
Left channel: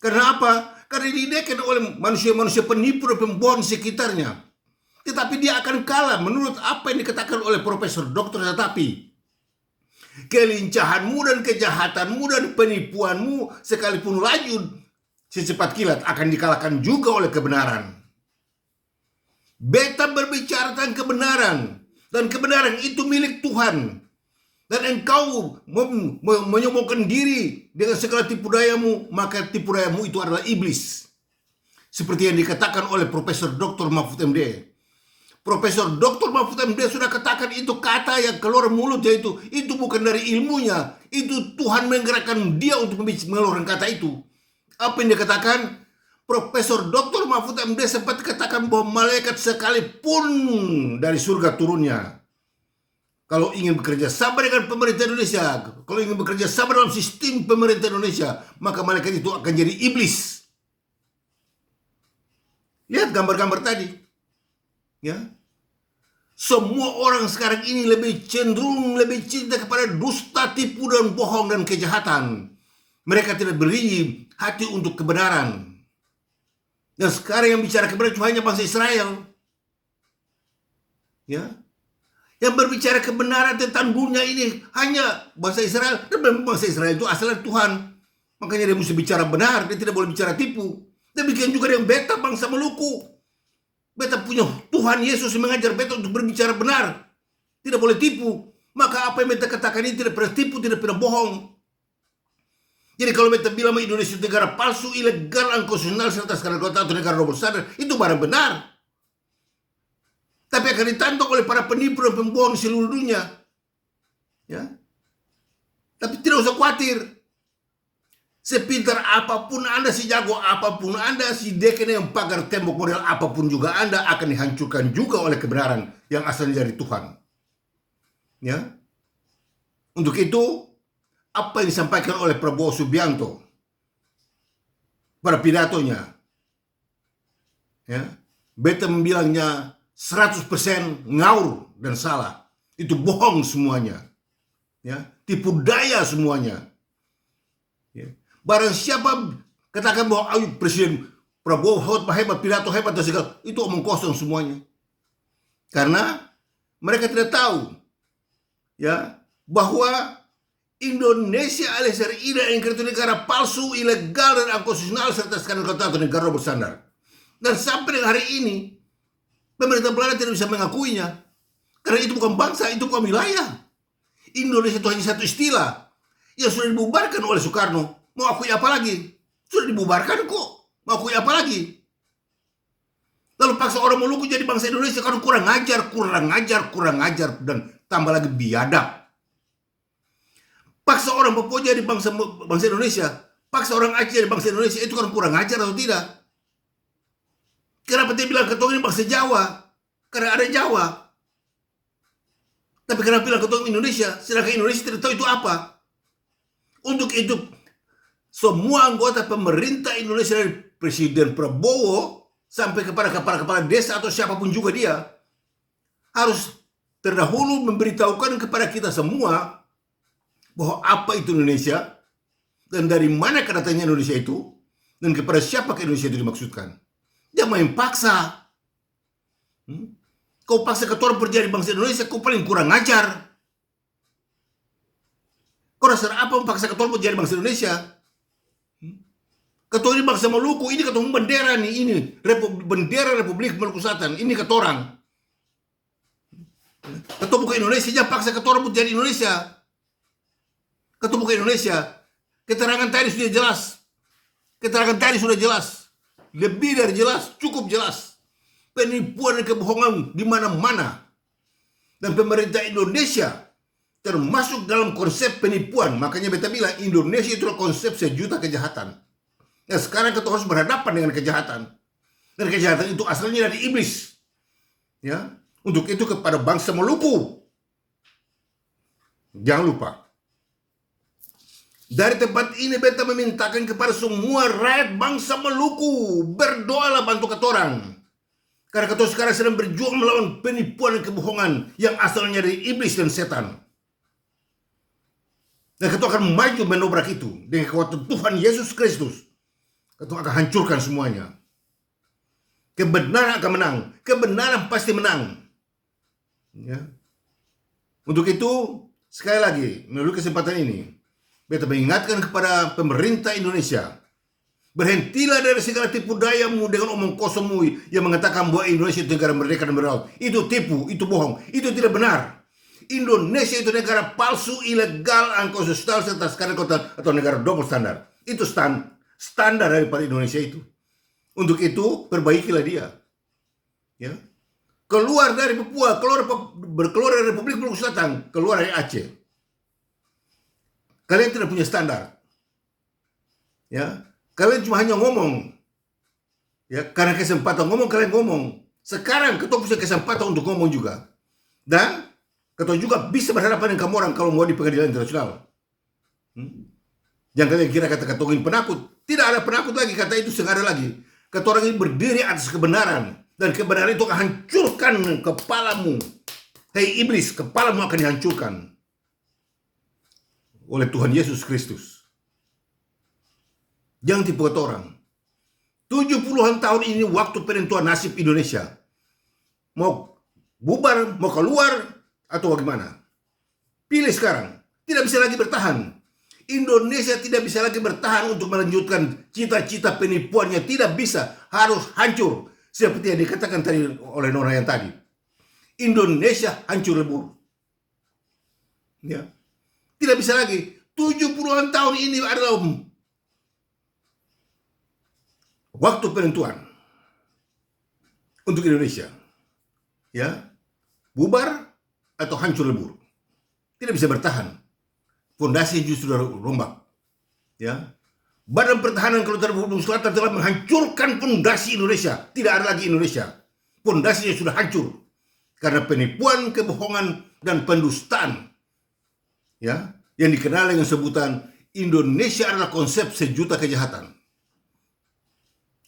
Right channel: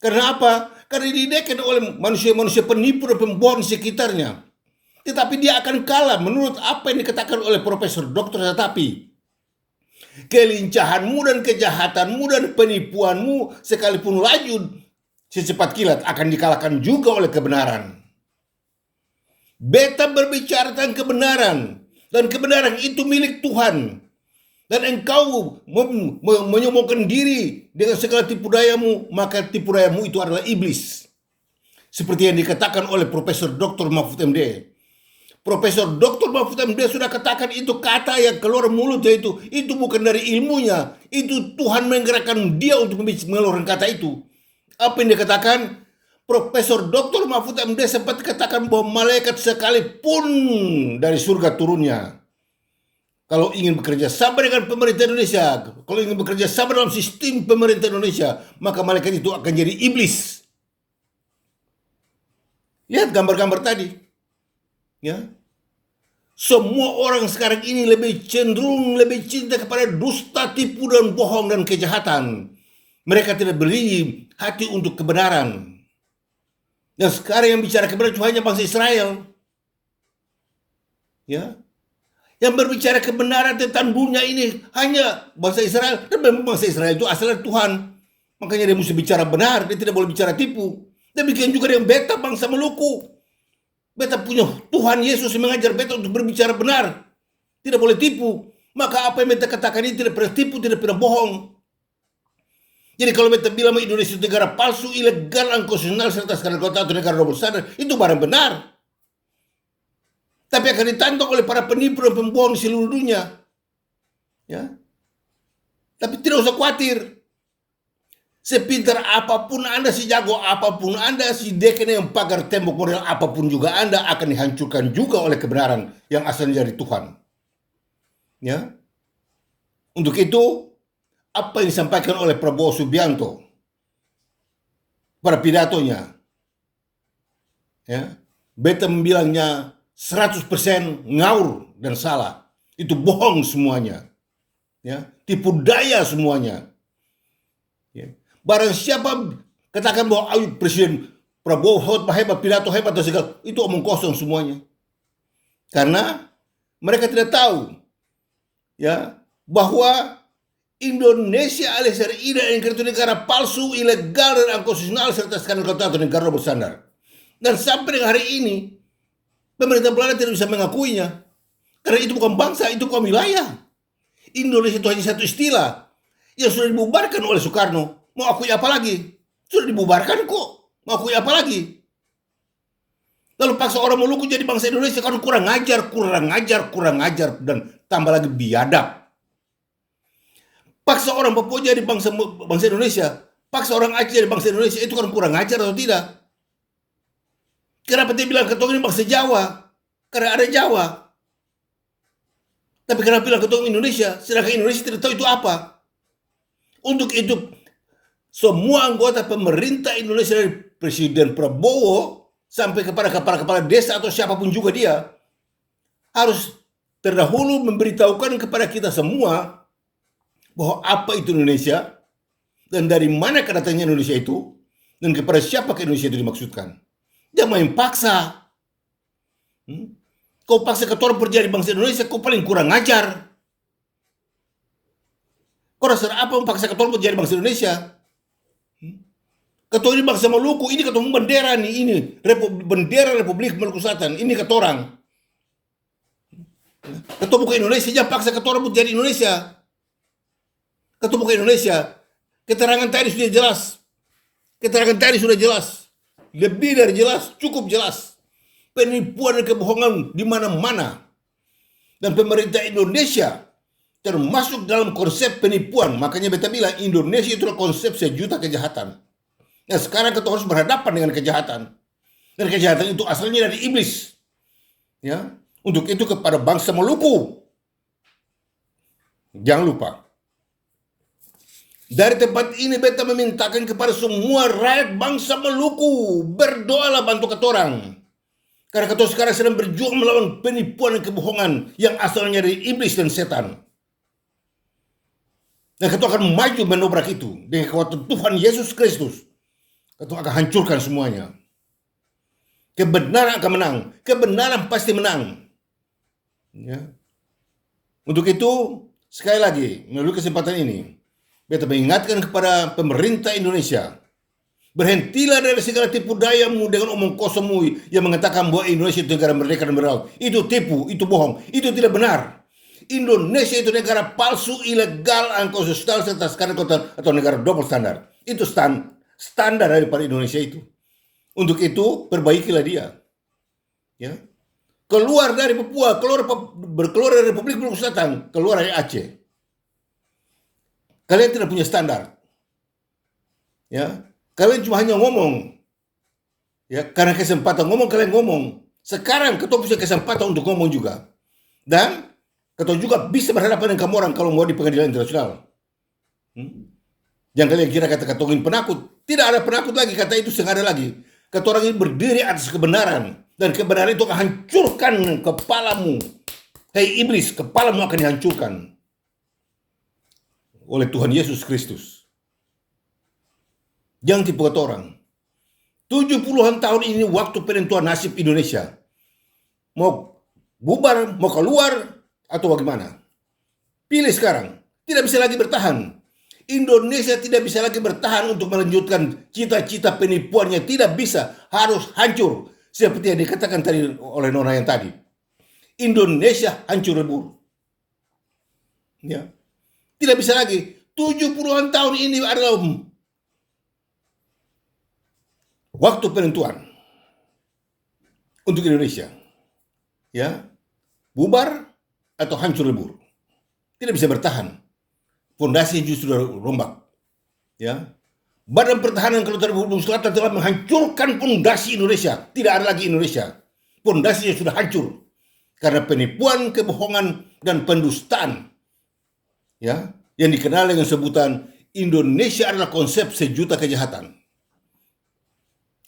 Karena apa? Karena didekat oleh manusia-manusia penipu dan pembohong di sekitarnya. Tetapi dia akan kalah menurut apa yang dikatakan oleh Profesor Dr. Tetapi kelincahanmu dan kejahatanmu dan penipuanmu sekalipun laju secepat kilat akan dikalahkan juga oleh kebenaran. Beta berbicara tentang kebenaran, dan kebenaran itu milik Tuhan. Dan engkau menyombongkan diri dengan segala tipu dayamu, maka tipu dayamu itu adalah iblis. Seperti yang dikatakan oleh Profesor Dr. Mahfud MD. Profesor Dr. Mahfud MD sudah katakan itu kata yang keluar mulutnya itu bukan dari ilmunya, itu Tuhan menggerakkan dia untuk mengeluarkan kata itu. Apa yang dia katakan? Profesor Dr. Mahfud MD sempat katakan bahwa malaikat sekalipun dari surga turunnya, kalau ingin bekerja sama dengan pemerintah Indonesia, kalau ingin bekerja sama dalam sistem pemerintah Indonesia, maka malaikat itu akan jadi iblis. Lihat gambar-gambar tadi. Ya. Semua orang sekarang ini lebih cinta kepada dusta, tipu dan bohong dan kejahatan. Mereka tidak beri hati untuk kebenaran. Dan sekarang yang bicara kebenaran hanya bangsa Israel. Ya. Yang berbicara kebenaran tentang dunia ini hanya bangsa Israel. Dan memang bangsa Israel itu asalnya Tuhan. Makanya dia mesti bicara benar, dia tidak boleh bicara tipu. Demikian juga dengan beta bangsa Maluku. Beta punya Tuhan Yesus yang mengajar beta untuk berbicara benar. Tidak boleh tipu. Maka apa yang beta katakan ini tidak pernah tipu, tidak pernah bohong. Jadi kalau beta bilang Indonesia itu negara palsu, ilegal, unconstitutional, serta skandal kota atau negara double standard, itu barang benar. Tapi akan ditantang oleh para penipu dan pembohong di seluruh dunia. Ya. Tapi tidak usah khawatir. Sepintar apapun Anda, sejago apapun Anda, sedekatnya yang pagar tembok model apapun juga Anda akan dihancurkan juga oleh kebenaran yang asalnya dari Tuhan. Ya. Untuk itu, apa yang disampaikan oleh Prabowo Subianto pada pidatonya, ya, beta membilangnya 100% ngawur dan salah. Itu bohong semuanya, ya, tipu daya semuanya. Ya. Barang siapa katakan bahwa Presiden Prabowo hebat, pidato hebat dan segala, itu omong kosong semuanya. Karena mereka tidak tahu, ya, bahwa Indonesia alias RI itu negara palsu, ilegal dan unconstitutional serta skandal kota atau negara double standar. Dan sampai dengan hari ini pemerintah Belanda tidak bisa mengakuinya karena itu bukan bangsa, itu bukan wilayah. Indonesia itu hanya satu istilah yang sudah dibubarkan oleh Soekarno. Mau akui apa lagi? Sudah dibubarkan kok. Mau akui apa lagi? Lalu paksa orang Maluku jadi bangsa Indonesia karena kurang ajar dan tambah lagi biadab. Paksa orang Papua jadi bangsa Indonesia, paksa orang Aceh jadi bangsa Indonesia, itu kan kurang ajar atau tidak? Kenapa dia bilang ketong ini bangsa Jawa? Karena ada Jawa. Tapi kenapa bilang ketong Indonesia? Sedangkan Indonesia tidak tahu itu apa. Untuk itu, semua anggota pemerintah Indonesia dari Presiden Prabowo sampai kepada kepala-kepala desa atau siapapun juga dia harus terdahulu memberitahukan kepada kita semua bahwa apa itu Indonesia dan dari mana datangnya Indonesia itu dan kepada siapa ke Indonesia itu dimaksudkan. Dia main paksa. Kau paksa ketua perjadi bangsa Indonesia, kau paling kurang ajar. Kau rasa apa memaksa ketua perjadi bangsa Indonesia? Ketua ini bangsa Maluku, ini ketua bendera nih, ini bendera Republik Maluku Selatan, ini ketua orang. Ketua bukan Indonesia, jangan paksa ketua perjadi Indonesia. Ketua bukan Indonesia. Keterangan tadi sudah jelas. Keterangan tadi sudah jelas. Lebih dari jelas, cukup jelas. Penipuan dan kebohongan di mana-mana. Dan pemerintah Indonesia termasuk dalam konsep penipuan. Makanya beta bilang Indonesia itu konsep sejuta kejahatan. Nah sekarang kita harus berhadapan dengan kejahatan. Dan kejahatan itu asalnya dari iblis. Ya, untuk itu kepada bangsa Maluku. Jangan lupa. Dari tempat ini beta memintakan kepada semua rakyat bangsa Maluku, berdoalah bantu ketorang. Karena ketua sekarang sedang berjuang melawan penipuan dan kebohongan yang asalnya dari iblis dan setan. Dan ketua akan maju menobrak itu dengan kekuatan Tuhan Yesus Kristus. Ketua akan hancurkan semuanya. Kebenaran akan menang. Kebenaran pasti menang. Ya. Untuk itu, sekali lagi, melalui kesempatan ini, beta mengingatkan kepada pemerintah Indonesia, berhentilah dari segala tipu dayamu dengan omong kosongmu yang mengatakan bahwa Indonesia itu negara merdeka dan beral. Itu tipu, itu bohong, itu tidak benar. Indonesia itu negara palsu, ilegal, unconstitusional, serta skandal atau negara double standar. Itu standar daripada Indonesia itu. Untuk itu, perbaikilah dia. Ya. Keluar dari Papua, keluar dari Republik Maluku Selatan, keluar dari Aceh. Kalian tidak punya standar. Ya. Kalian cuma hanya ngomong. Ya, karena kesempatan ngomong kalian ngomong. Sekarang ketua punya kesempatan untuk ngomong juga. Dan ketua juga bisa berhadapan dengan kamu orang kalau mau di pengadilan internasional. Jangan kalian kira kata ketua ini penakut. Tidak ada penakut lagi, kata itu sengaja lagi. Ketua orang ini berdiri atas kebenaran. Dan kebenaran itu akan hancurkan kepalamu. Hei iblis, kepalamu akan dihancurkan oleh Tuhan Yesus Kristus. Jangan tipu kata orang. 70-an tahun ini waktu penentuan nasib Indonesia. Mau bubar, mau keluar, atau bagaimana? Pilih sekarang. Tidak bisa lagi bertahan. Indonesia tidak bisa lagi bertahan untuk melanjutkan cita-cita penipuannya. Tidak bisa. Harus hancur. Seperti yang dikatakan tadi oleh Nona yang tadi. Indonesia hancur lebur. Ya. Tidak bisa lagi. 70-an tahun ini adalah waktu penentuan untuk Indonesia. Ya. Bubar atau hancur lebur. Tidak bisa bertahan. Fondasi justru rombak. Ya. Badan Pertahanan Kedaulatan Republik Selatan telah menghancurkan fondasi Indonesia. Tidak ada lagi Indonesia. Fondasinya sudah hancur karena penipuan, kebohongan, dan pendustaan. Ya, yang dikenal dengan sebutan Indonesia adalah konsep sejuta kejahatan.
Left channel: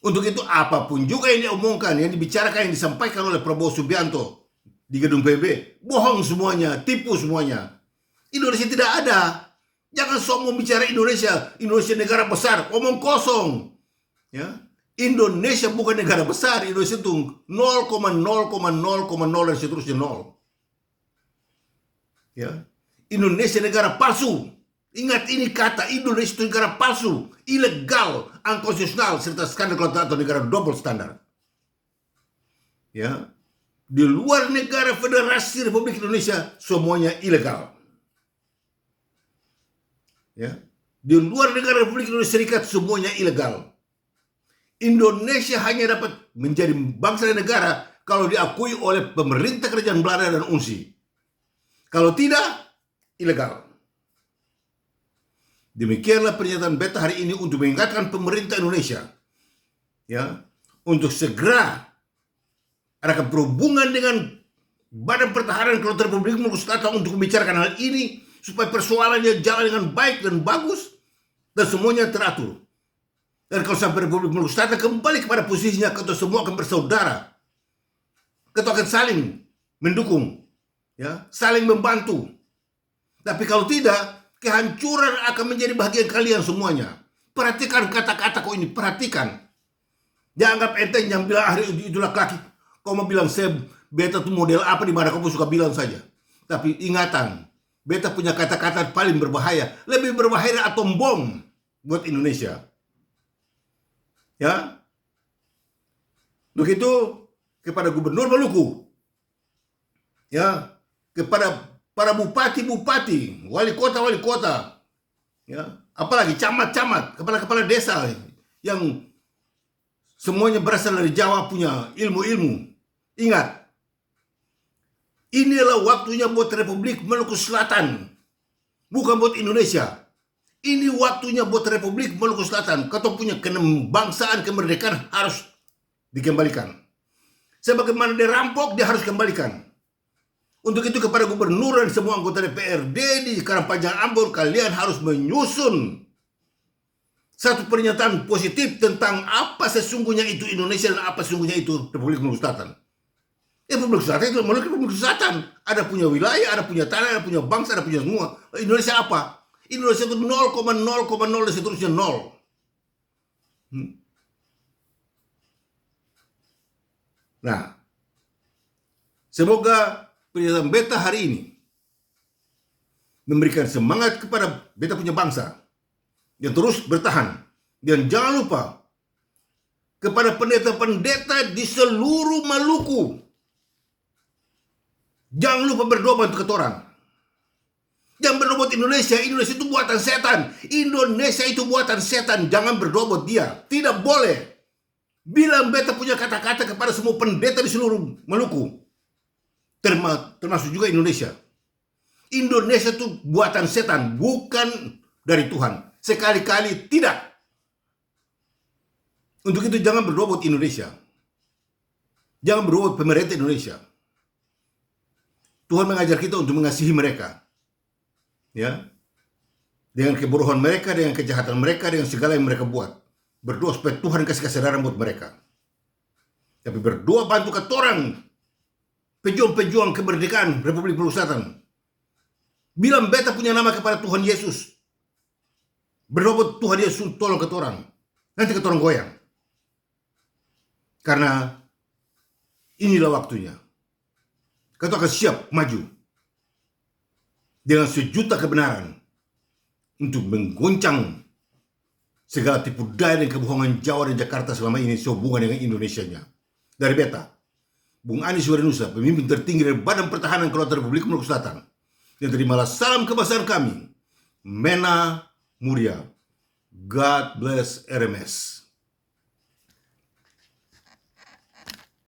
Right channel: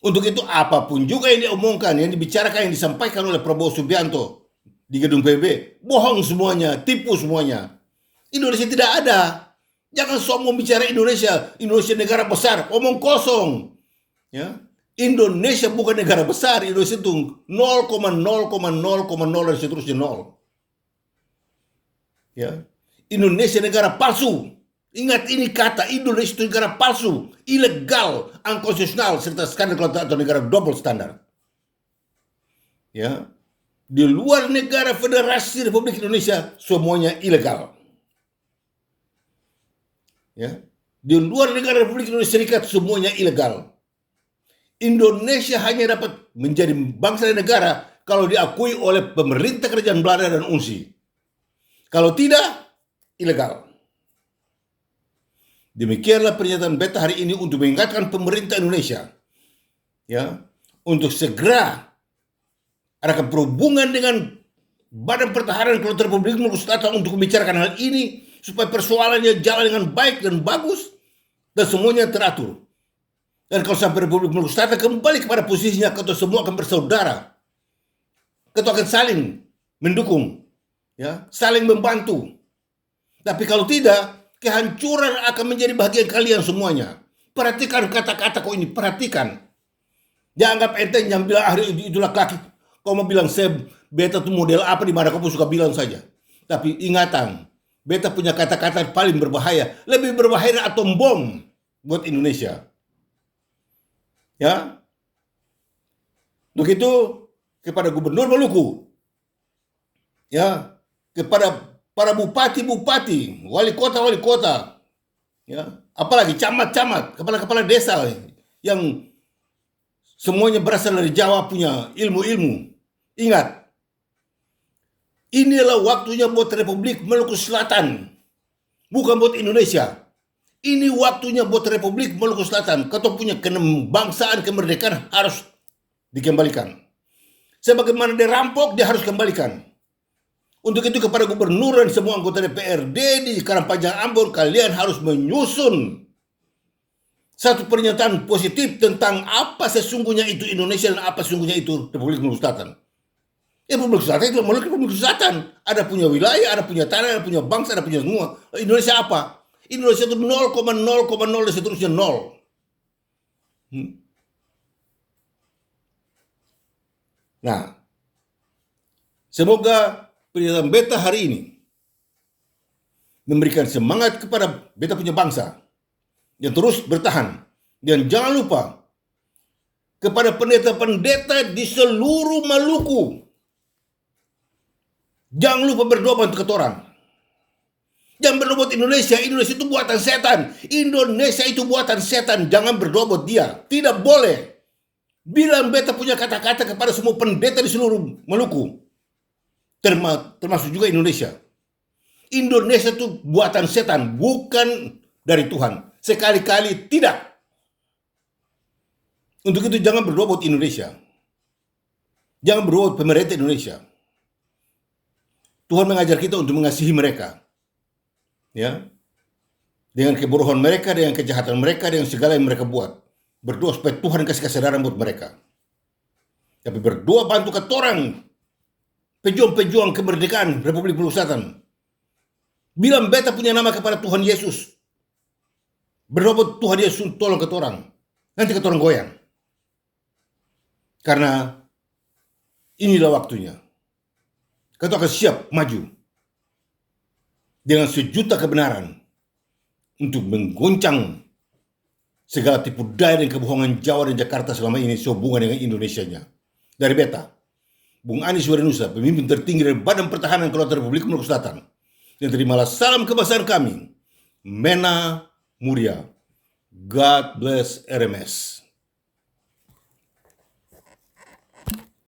Untuk itu apapun juga yang diomongkan, yang dibicarakan, yang disampaikan oleh Prabowo Subianto di gedung PBB, bohong semuanya, tipu semuanya. Indonesia tidak ada. Jangan sombong bicara Indonesia. Indonesia negara besar, omong kosong. Ya. Indonesia bukan negara besar. Indonesia itu 0,0,0,0 dan seterusnya 0. Ya. Indonesia negara palsu. Ingat ini kata, Indonesia itu negara palsu, ilegal, unconstitutional, serta skandal atau negara double standar. Ya. Di luar negara Federasi Republik Indonesia semuanya ilegal. Ya. Di luar negara Republik Indonesia Serikat semuanya ilegal. Indonesia hanya dapat menjadi bangsa dan negara kalau diakui oleh pemerintah kerajaan Belanda dan UNSI. Kalau tidak, ilegal. Demikianlah pernyataan beta hari ini untuk mengingatkan pemerintah Indonesia, ya, untuk segera adakan perhubungan dengan Badan Pertahanan Kedaulatan Republik Maluku Selatan untuk membicarakan hal ini supaya persoalannya jalan dengan baik dan bagus Dan semuanya teratur. Dan kalau sampai Republik Maluku Selatan kembali kepada posisinya, kita semua akan bersaudara. Kita akan saling mendukung, ya, saling membantu. Tapi kalau tidak, kehancuran akan menjadi bagian kalian semuanya. Perhatikan kata-kata kau ini, perhatikan. Jangan anggap enteng yang bilang itu laki-laki. Kau mau bilang beta tuh model apa di mana kau pun suka bilang saja. Tapi ingatan, beta punya kata-kata paling berbahaya, lebih berbahaya dari atom bom buat Indonesia. Ya, begitu kepada Gubernur Maluku, ya, kepada para bupati-bupati, wali kota, ya, apalagi camat-camat, kepala-kepala desa yang semuanya berasal dari Jawa, punya ilmu-ilmu. Ingat, inilah waktunya buat Republik Maluku Selatan, bukan buat Indonesia. Ini waktunya buat Republik Maluku Selatan. Kau punya kebangsaan, kemerdekaan harus dikembalikan. Sebagaimana dia rampok, dia harus kembalikan. Untuk itu kepada gubernur dan semua anggota DPRD di Karangpanjang Ambon, kalian harus menyusun satu pernyataan positif tentang apa sesungguhnya itu Indonesia dan apa sesungguhnya itu Republik Maluku Selatan. Republik Selatan itu Republik Selatan. Ada punya wilayah, ada punya tanah, ada punya bangsa, ada punya semua. Indonesia apa? Indonesia itu 0,0,0 dan seterusnya 0. Nah, semoga pernyataan beta hari ini memberikan semangat kepada beta punya bangsa yang terus bertahan. Dan jangan lupa kepada pendeta-pendeta di seluruh Maluku, jangan lupa berdoa untuk ketorang. Jangan berdoa buat Indonesia. Indonesia itu buatan setan. Indonesia itu buatan setan. Jangan berdoa buat dia. Tidak boleh. Bilang beta punya kata-kata kepada semua pendeta di seluruh Maluku, termasuk juga Indonesia. Indonesia itu buatan setan, bukan dari Tuhan. Sekali-kali tidak. Untuk itu jangan berdoa buat Indonesia. Jangan berdoa buat pemerintah Indonesia. Tuhan mengajar kita untuk mengasihi mereka. Ya, dengan kebodohan mereka, dengan kejahatan mereka, dengan segala yang mereka buat. Berdoa supaya Tuhan kasih kesadaran buat mereka. Tapi berdoa bantu ketorang pejuang-pejuang kemerdekaan Republik Maluku Selatan. Bilang beta punya nama kepada Tuhan Yesus. Berdoa buat Tuhan Yesus tolong ketorang. Nanti ketorang goyang. Karena inilah waktunya. Kita akan siap maju dengan sejuta kebenaran untuk menggoncang segala tipu daya dan kebohongan Jawa dan Jakarta selama ini sehubungan dengan Indonesianya. Dari beta, Bung Anies Warinusa, pemimpin tertinggi dari Badan Pertahanan Kedaulatan Republik Maluku Selatan. Dan terimalah salam kebangsaan kami, Mena Muria. God bless RMS.